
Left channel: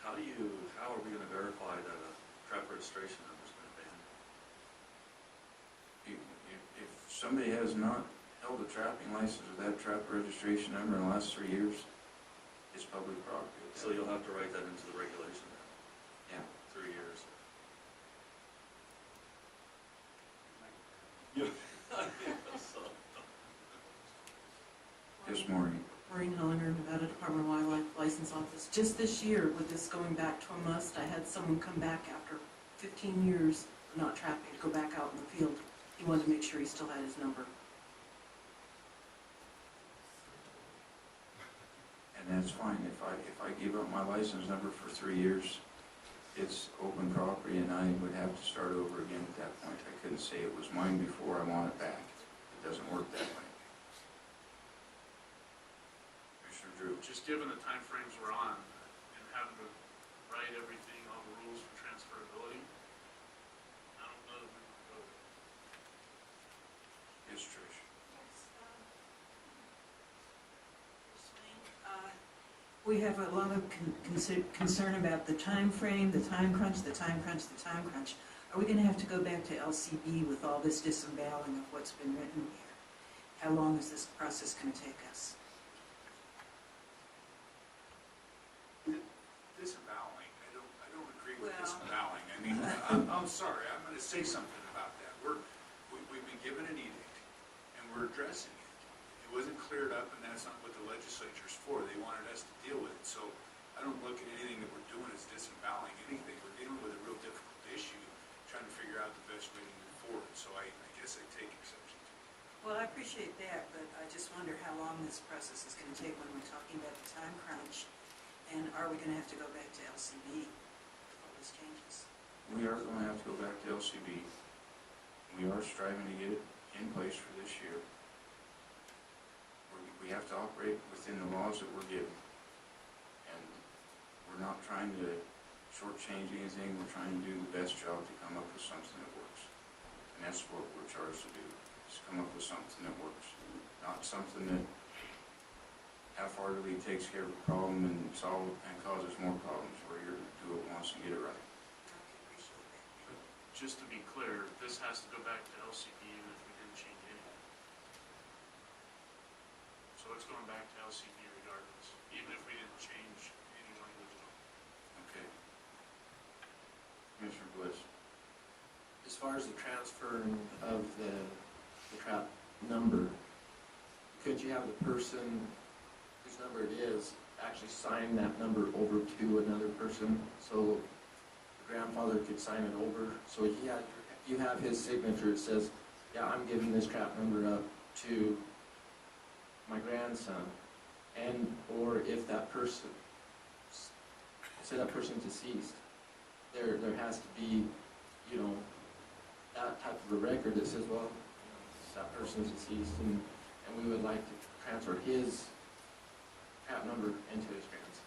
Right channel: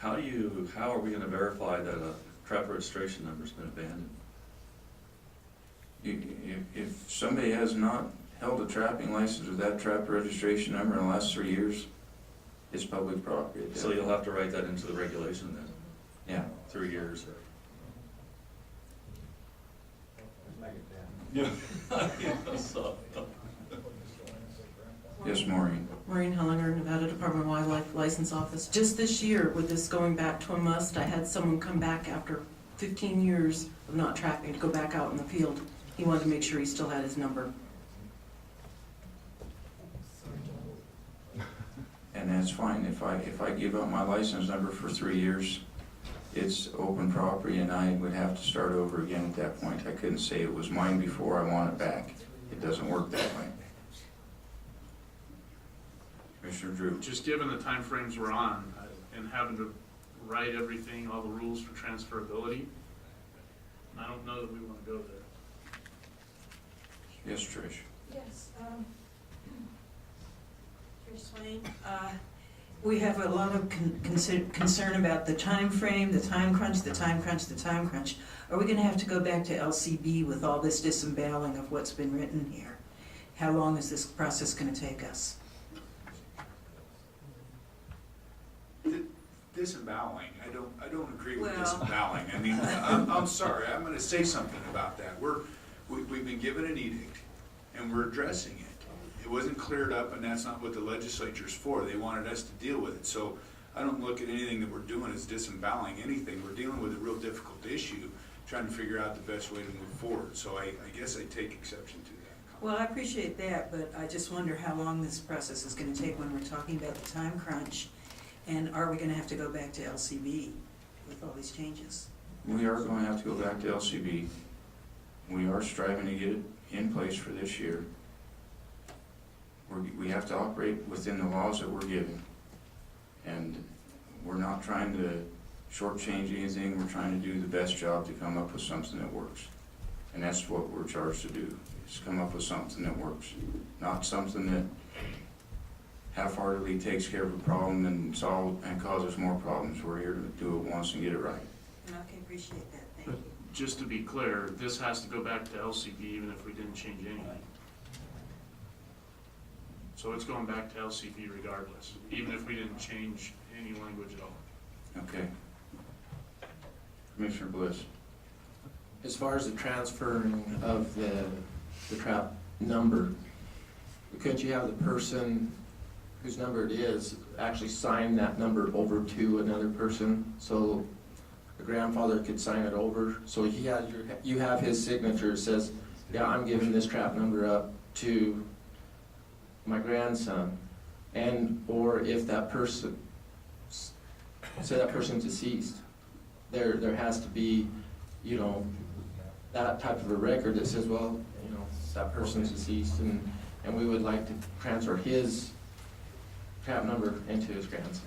How are we gonna verify that a trap registration number's been abandoned? If somebody has not held a trapping license with that trap registration number in the last 3 years, it's public property. So you'll have to write that into the regulation then? Yeah. 3 years. So- Yes, Maureen. Maureen Hellinger, Nevada Department of Wildlife License Office. Just this year, with this going back to a must, I had someone come back after 15 years of not trapping to go back out in the field. He wanted to make sure he still had his number. And that's fine. If I give up my license number for 3 years, it's open property and I would have to start over again at that point. I couldn't say it was mine before, I want it back. It doesn't work that way. Commissioner Drew. Just given the timeframes we're on and having to write everything, all the rules for transferability, I don't know that we want to go there. Yes, Trish. Yes, Trish Swain. We have a lot of concern about the time frame, the time crunch. Are we gonna have to go back to LCB with all this disemboweling of what's been written here? How long is this process gonna take us? Disemboweling, I don't agree with Well. disemboweling. I mean, I'm sorry, I'm gonna say something about that. We've been given an edict, and we're addressing it. It wasn't cleared up, and that's not what the legislature's for. They wanted us to deal with it. So I don't look at anything that we're doing as disemboweling anything. We're dealing with a real difficult issue, trying to figure out the best way to move forward. So I guess I take exception to that. Well, I appreciate that, but I just wonder how long this process is gonna take when we're talking about the time crunch. And are we gonna have to go back to LCB with all these changes? We are going to have to go back to LCB. We are striving to get it in place for this year. we have to operate within the laws that we're given. And we're not trying to shortchange anything, we're trying to do the best job to come up with something that works. And that's what we're charged to do, is come up with something that works. Not something that half-heartedly takes care of a problem and causes more problems. We're here to do it once and get it right. Okay, appreciate that, thank you. Just to be clear, this has to go back to LCB even if we didn't change anything. So it's going back to LCB regardless, even if we didn't change any language at all. Okay. Commissioner Bliss. As far as the transferring of the trap number, could you have the person whose number it is actually sign that number over to another person? So the grandfather could sign it over, so he has you have his signature, says, yeah, I'm giving this trap number up to my grandson. And, or if that person, say that person's deceased, there has to be, you know, that type of a record that says, well, you know, that person's deceased, and we would like to transfer his trap number into his grandson's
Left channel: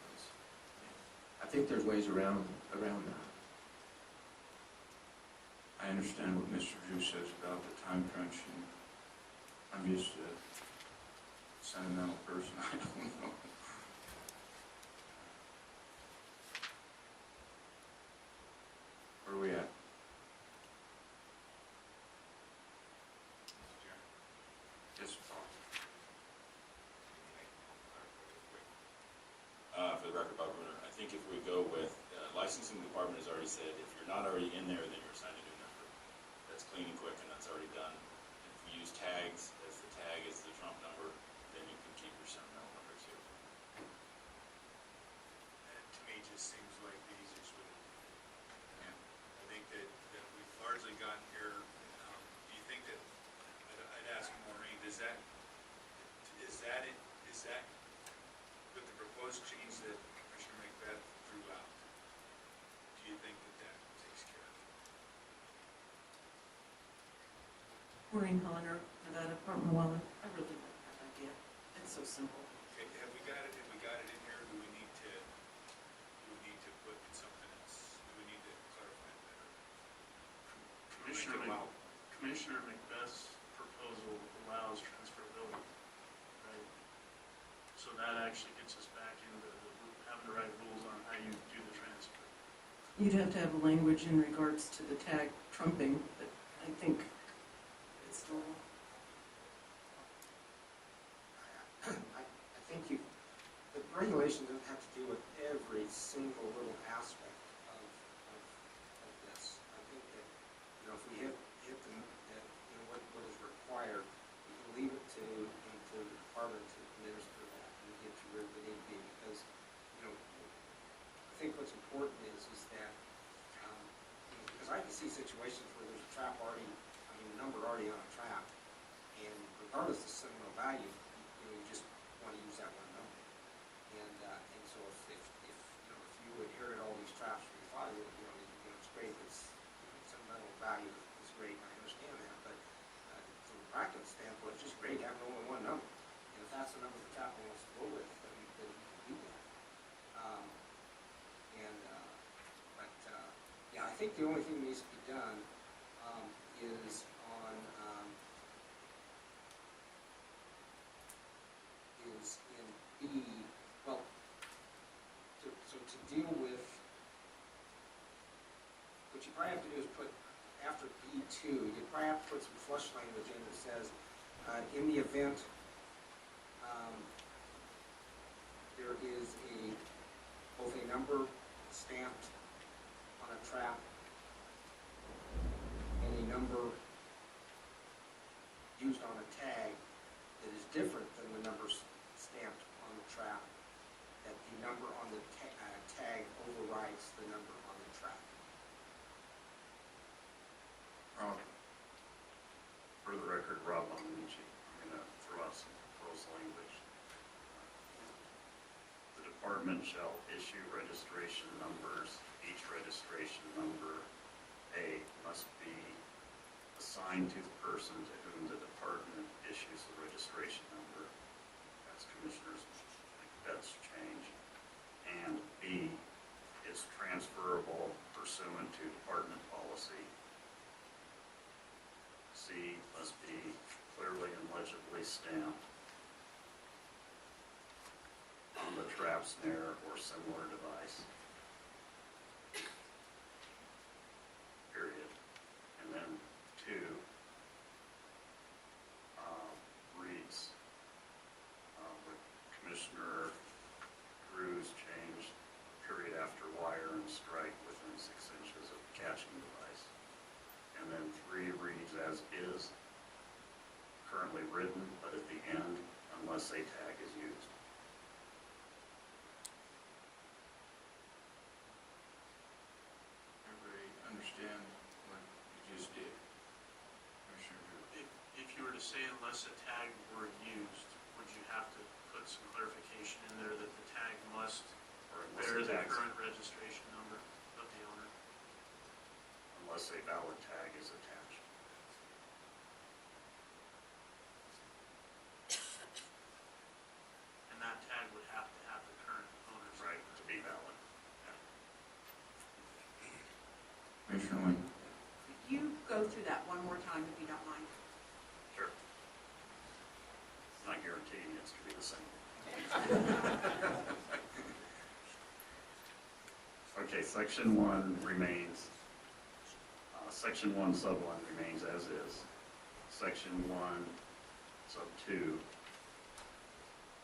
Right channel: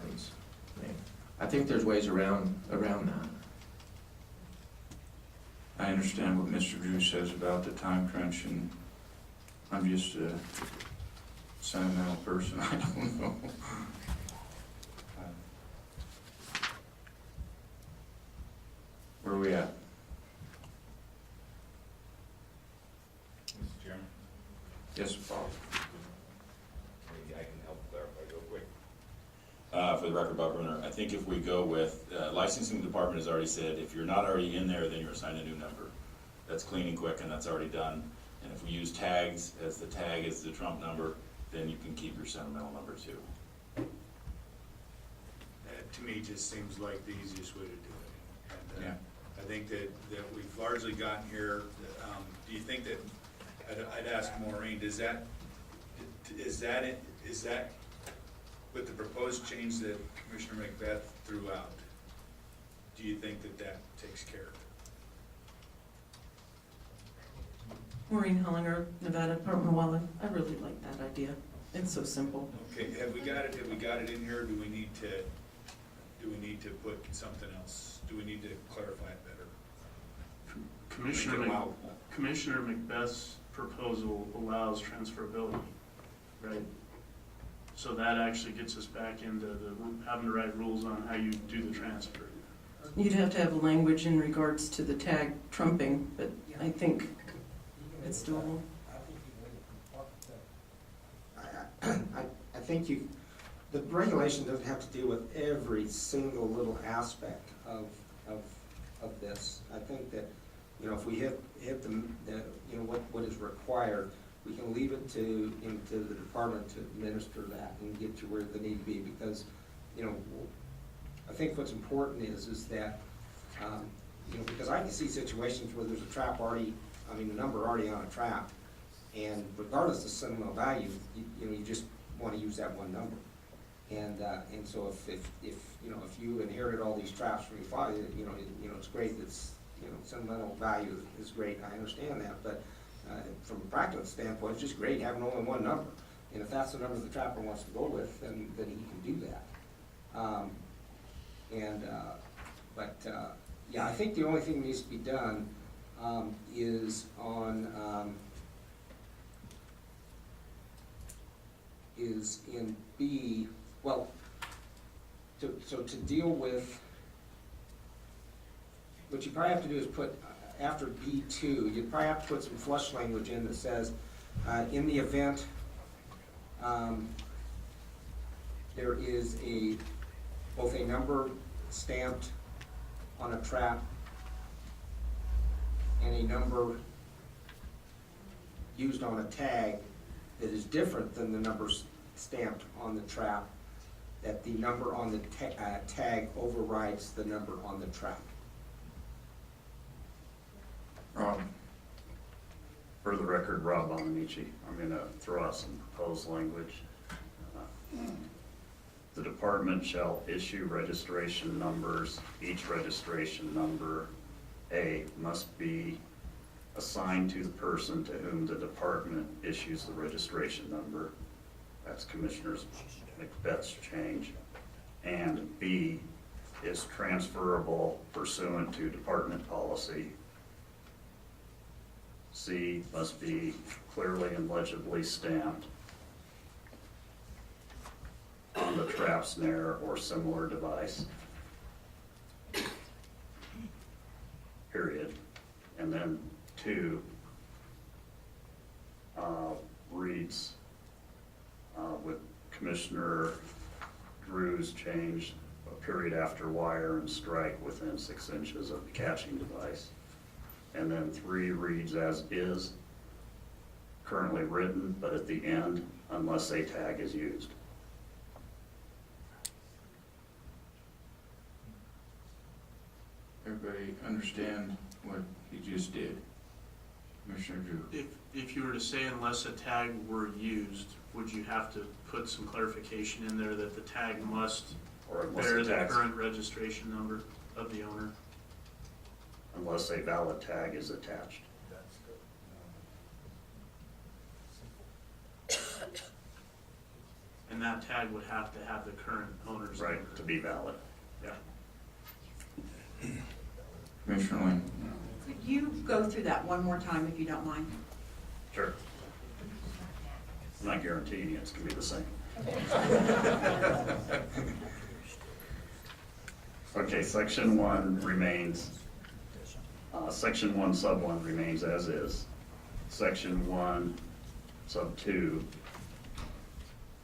name. I think there's ways around that. I understand what Mr. Drew says about the time crunch, and I'm just a sentimental person, I don't know. Where are we at? Mr. Chairman, Yes, Bob. maybe I can help clarify real quick. For the record, Bob Bruner, I think if we go with, licensing department has already said, if you're not already in there, then you're assigned a new number. That's clean and quick, and that's already done. And if we use tags, as the tag is the trump number, then you can keep your sentimental number too. That to me just seems like the easiest way to do it. And, Yeah. I think that we've largely gotten here. Do you think that, I'd ask Maureen, is that with the proposed change that Commissioner Macbeth threw out, do you think that takes care of it? Maureen Hollinger, Nevada Department of Wildlife. I really like that idea. It's so simple. Okay, have we got it in here, or do we need to put something else? Do we need to clarify it better? Commissioner Macbeth's proposal allows transferability, right? So that actually gets us back into having to write rules on how you do the transfer. You'd have to have language in regards to the tag trumping, but I think it's doable. I think the regulation doesn't have to deal with every single little aspect of this. I think that, you know, if we hit the you know, what is required, we can leave it to the department to administer that and get to where they need to be, because, you know, I think what's important is that, you know, because I can see situations where there's a trap already, I mean, a number already on a trap, and regardless of sentimental value, you know, you just want to use that one number. And so if you know, if you inherit all these traps from your father, you know, it's great. It's, you know, sentimental value is great. I understand that, but from a practical standpoint, it's just great having only one number. And if that's the number the trapper wants to go with, then he can do that. Yeah, I think the only thing that needs to be done is on is in B. Well, so to deal with, what you probably have to do is put, after B2, you'd probably have to put some flush language in that says, in the event there is both a number stamped on a trap and a number used on a tag that is different than the numbers stamped on the trap, that the number on the tag overrides the number on the trap. Rob? For the record, Rob Buonamici, I'm going to throw out some proposed language. The department shall issue registration numbers. Each registration number, A, must be assigned to the person to whom the department issues the registration number. That's Commissioner Macbeth's change. And B is transferable pursuant to department policy. C must be clearly and legibly stamped on the trap, snare, or similar device. Period. And then 2 reads with Commissioner Drew's change, a period after wire and strike within 6 inches of the catching device. And then 3 reads as is, currently written, but at the end, unless a tag is used. Everybody understand what you just did? Commissioner Drew? If you were to say unless a tag were used, would you have to put some clarification in there that the tag must Or unless bear a the tag, current registration number of the owner? unless a valid tag is attached. And that tag would have to have the current owner's number. Right, to be valid. Yeah. Commissioner Wayne? Could you go through that one more time if you don't mind? Sure. I'm not guaranteeing it's gonna be the same. Okay, section 1 remains, section 1 sub 1 remains as is. Section 1 sub 2,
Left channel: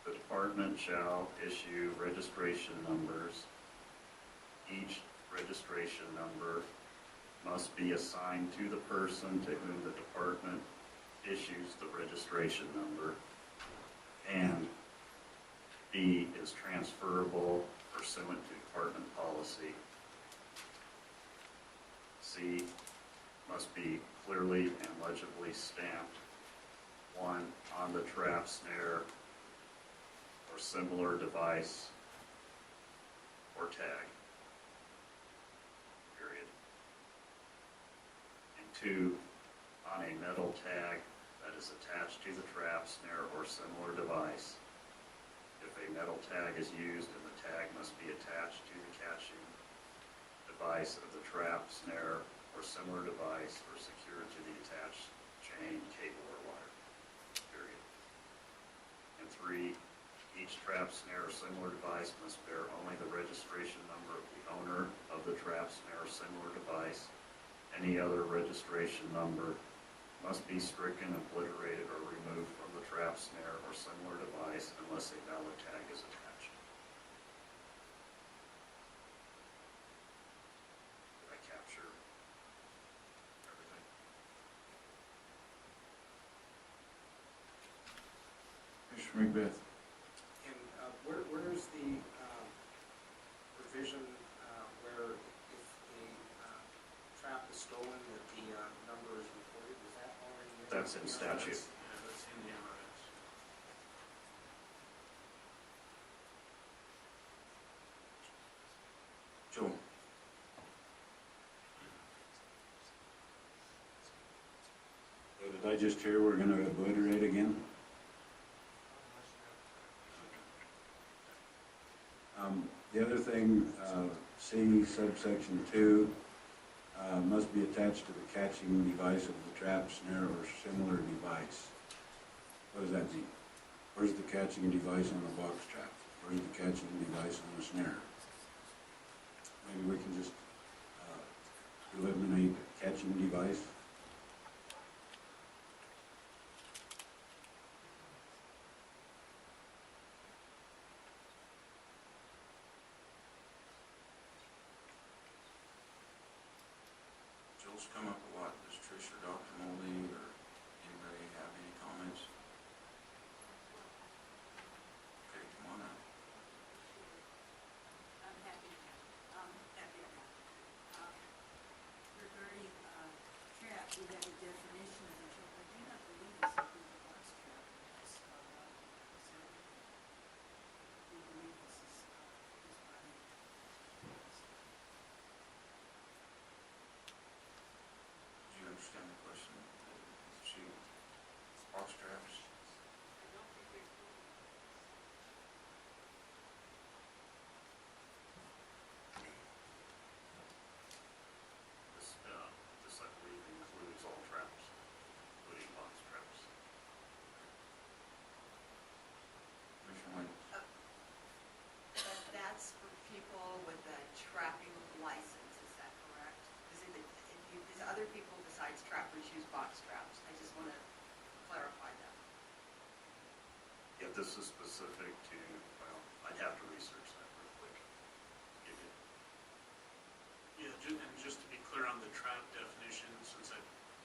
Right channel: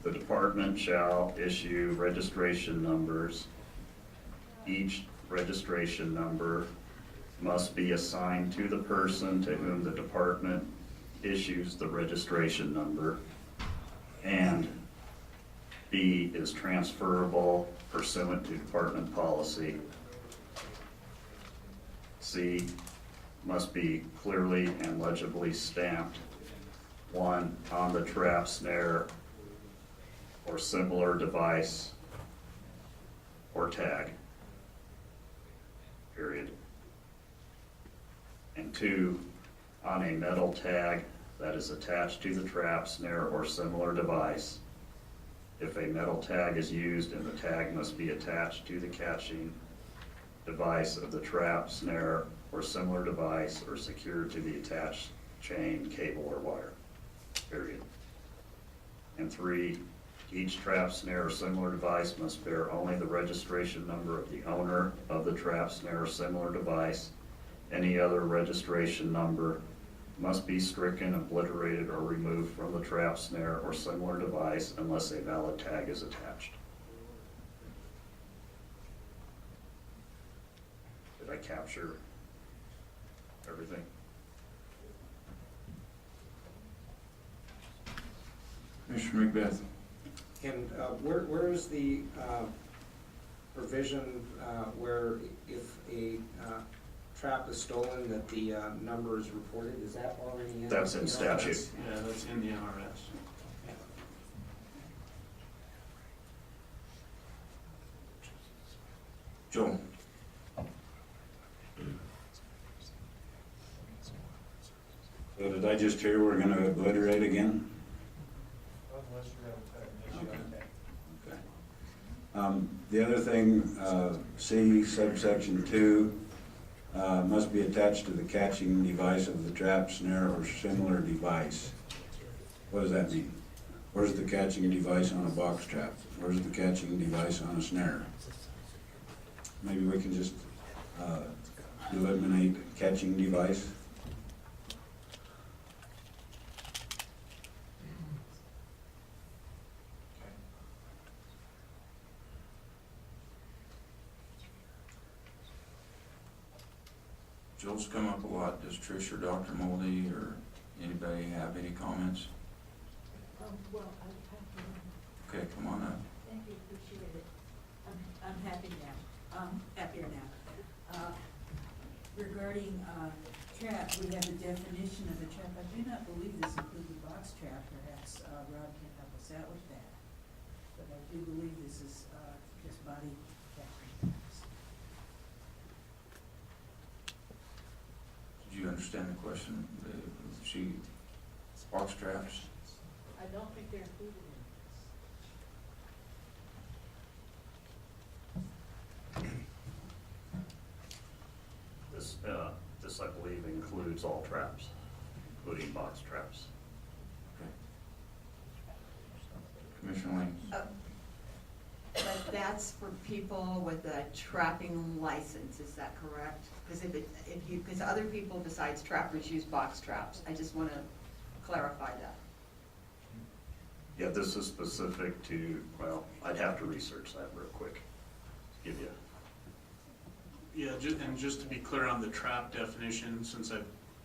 the department shall issue registration numbers. Each registration number must be assigned to the person to whom the department issues the registration number. And B is transferable pursuant to department policy. C must be clearly and legibly stamped, 1, on the trap, snare, or similar device or tag, period. And 2, on a metal tag that is attached to the trap, snare, or similar device. If a metal tag is used, and the tag must be attached to the catching device of the trap, snare, or similar device, or secured to the attached chain, cable, or wire, period. And 3, each trap, snare, or similar device must bear only the registration number of the owner of the trap, snare, or similar device. Any other registration number must be stricken, obliterated, or removed from the trap, snare, or similar device unless a valid tag is attached. Did I capture everything? Commissioner Macbeth? And where is the provision where if a trap is stolen that the number is reported? Is that already in? That's in statute. Yeah, that's in the NRS. Joel? So did I just hear we're gonna obliterate again? The other thing, C subsection 2, must be attached to the catching device of the trap, snare, or similar device. What does that mean? Where's the catching device on a box trap? Where's the catching device on a snare? Maybe we can just eliminate catching device. Joel's come up a lot. Does Trish or Dr. Moldy or anybody have any comments? Okay, come on up. Thank you, appreciate it. I'm happy now. Happier now. Regarding trap, we have a definition of a trap. I do not believe this includes a box trap. Perhaps Rob can help us out with that. But I do believe this is just body catching traps. Did you understand the question? She, box traps? I don't think they're included in this. that's for people with a trapping license, is that correct? Because because other people besides trappers use box traps, I just wanna clarify that. Yeah, this is specific to, well, I'd have to research that real quick, give you. Yeah, and just to be clear on the trap definition, since I've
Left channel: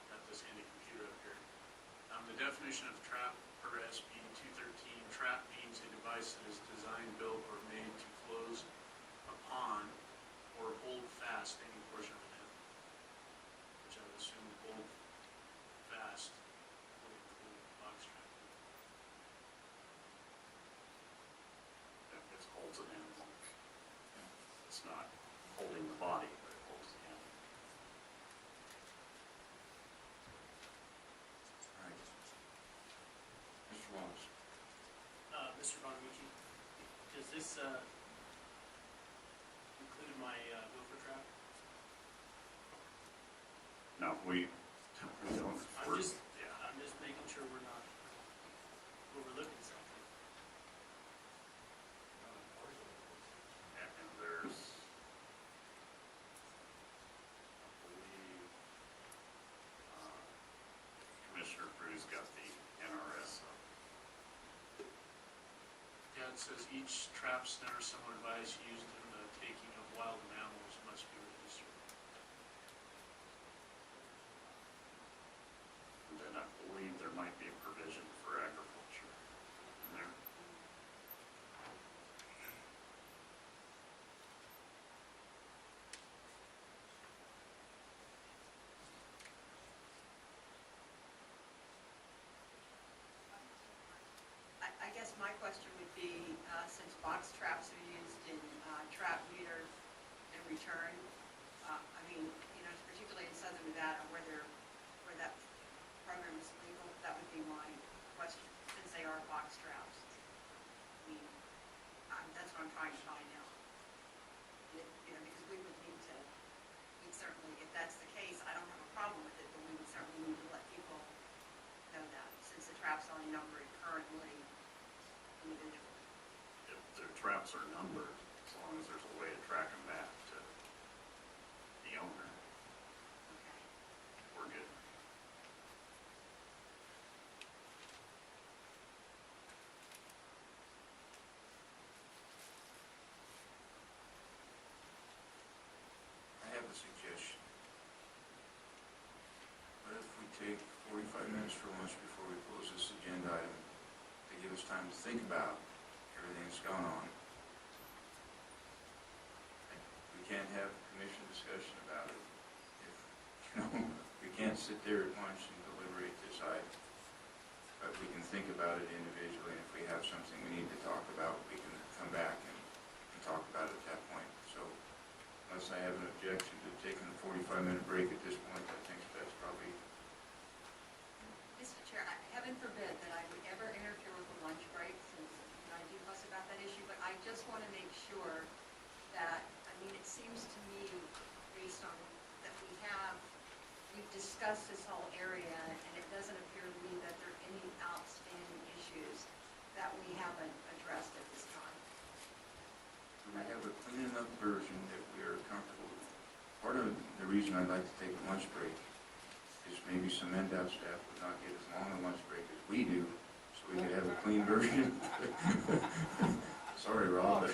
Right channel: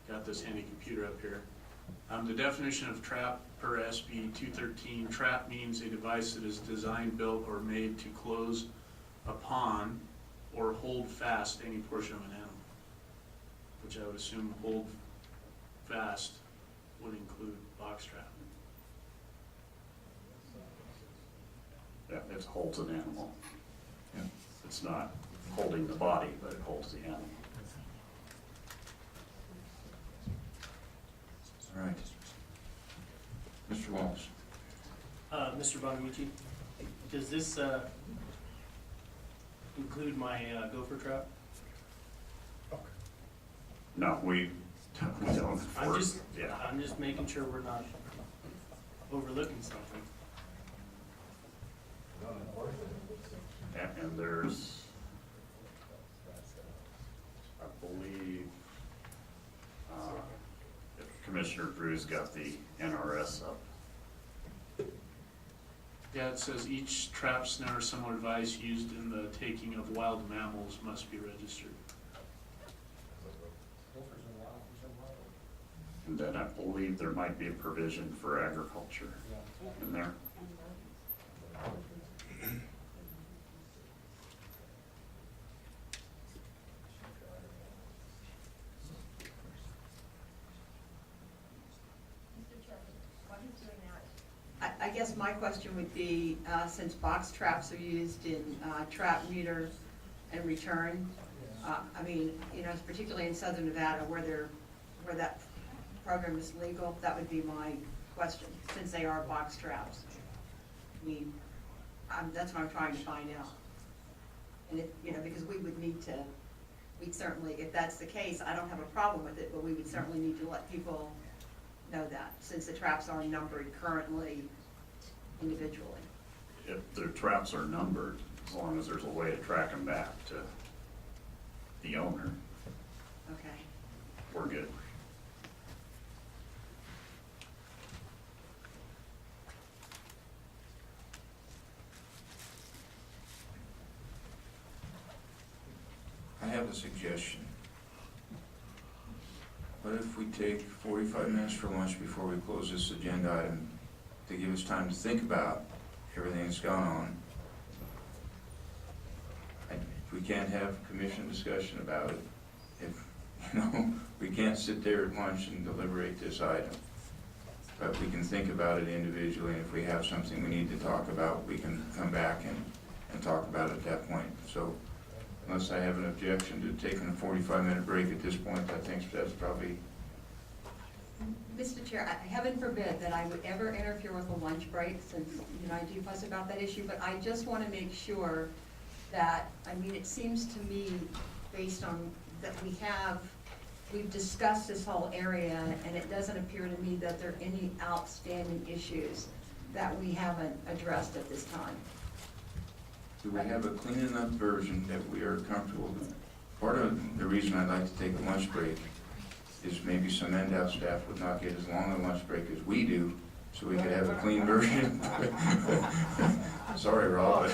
got this handy computer up here. The definition of trap per SB 213, trap means a device that is designed, built, or made to close upon or hold fast any portion of an animal, which I would assume hold fast would include box trap. Yeah, it holds an animal. Yeah. It's not holding the body, but it holds the animal. All right. Mr. Wallace? Mr. Buonamici, does this include my gopher trap? No, we don't enforce, yeah. I'm just making sure we're not overlooking something. And there's, I believe, Commissioner Drew's got the NRS up. Yeah, it says each trap, snare, or similar device used in the taking of wild mammals must be registered. And then I believe there might be a provision for agriculture in there. I guess my question would be, since box traps are used in trap, neuter, and return, I mean, you know, particularly in southern Nevada where that program is legal, that would be my question, since they are box traps. I mean, that's what I'm trying to find out. And if, you know, because we would need to, we'd certainly, if that's the case, I don't have a problem with it, but we would certainly need to let people know that, since the traps are numbered currently individually. If their traps are numbered, as long as there's a way to track them back to the owner, Okay. we're good. I have a suggestion. What if we take 45 minutes for lunch before we close this agenda item to give us time to think about everything that's gone on? And if we can't have commission discussion about it, if, you know, we can't sit there at lunch and deliberate this item, but we can think about it individually, and if we have something we need to talk about, we can come back and talk about it at that point. So unless I have an objection to taking a 45-minute break at this point, I think that's probably... Mr. Chair, heaven forbid that I would ever interfere with a lunch break, since, you know, I do fuss about that issue, but I just want to make sure that, I mean, it seems to me, based on that we've discussed this whole area, and it doesn't appear to me that there are any outstanding issues that we haven't addressed at this time. Do we have a clean enough version that we are comfortable with? Part of the reason I'd like to take a lunch break is maybe some NDOT staff would not get as long a lunch break as we do, so we could have a clean version. Sorry, Rob.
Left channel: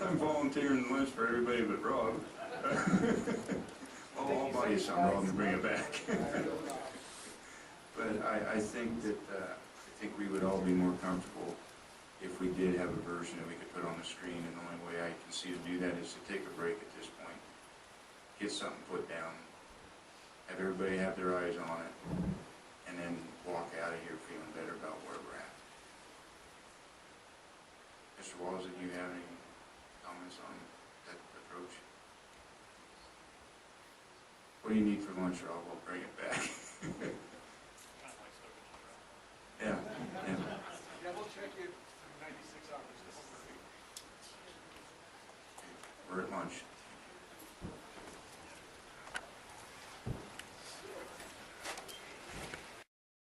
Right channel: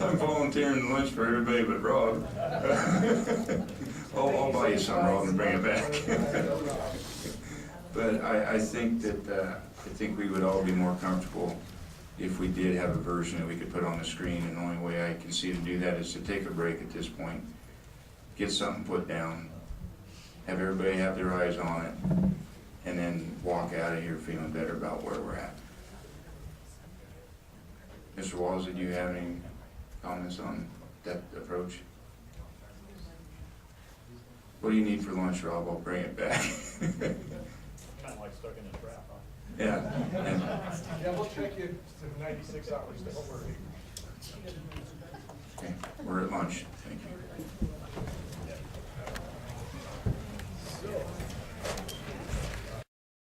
I'm volunteering lunch for everybody but Rob. I'll buy you some, Rob, and bring it back. But I think we would all be more comfortable if we did have a version that we could put on the screen, and the only way I can see to do that is to take a break at this point, get something put down, have everybody have their eyes on it, and then walk out of here feeling better about where we're at. Mr. Walls, did you have any comments on that approach? What do you need for lunch, Rob? I'll bring it back. Kind of like stuck in a trap, huh? Yeah. Yeah, we'll take you to 96 hours, don't worry.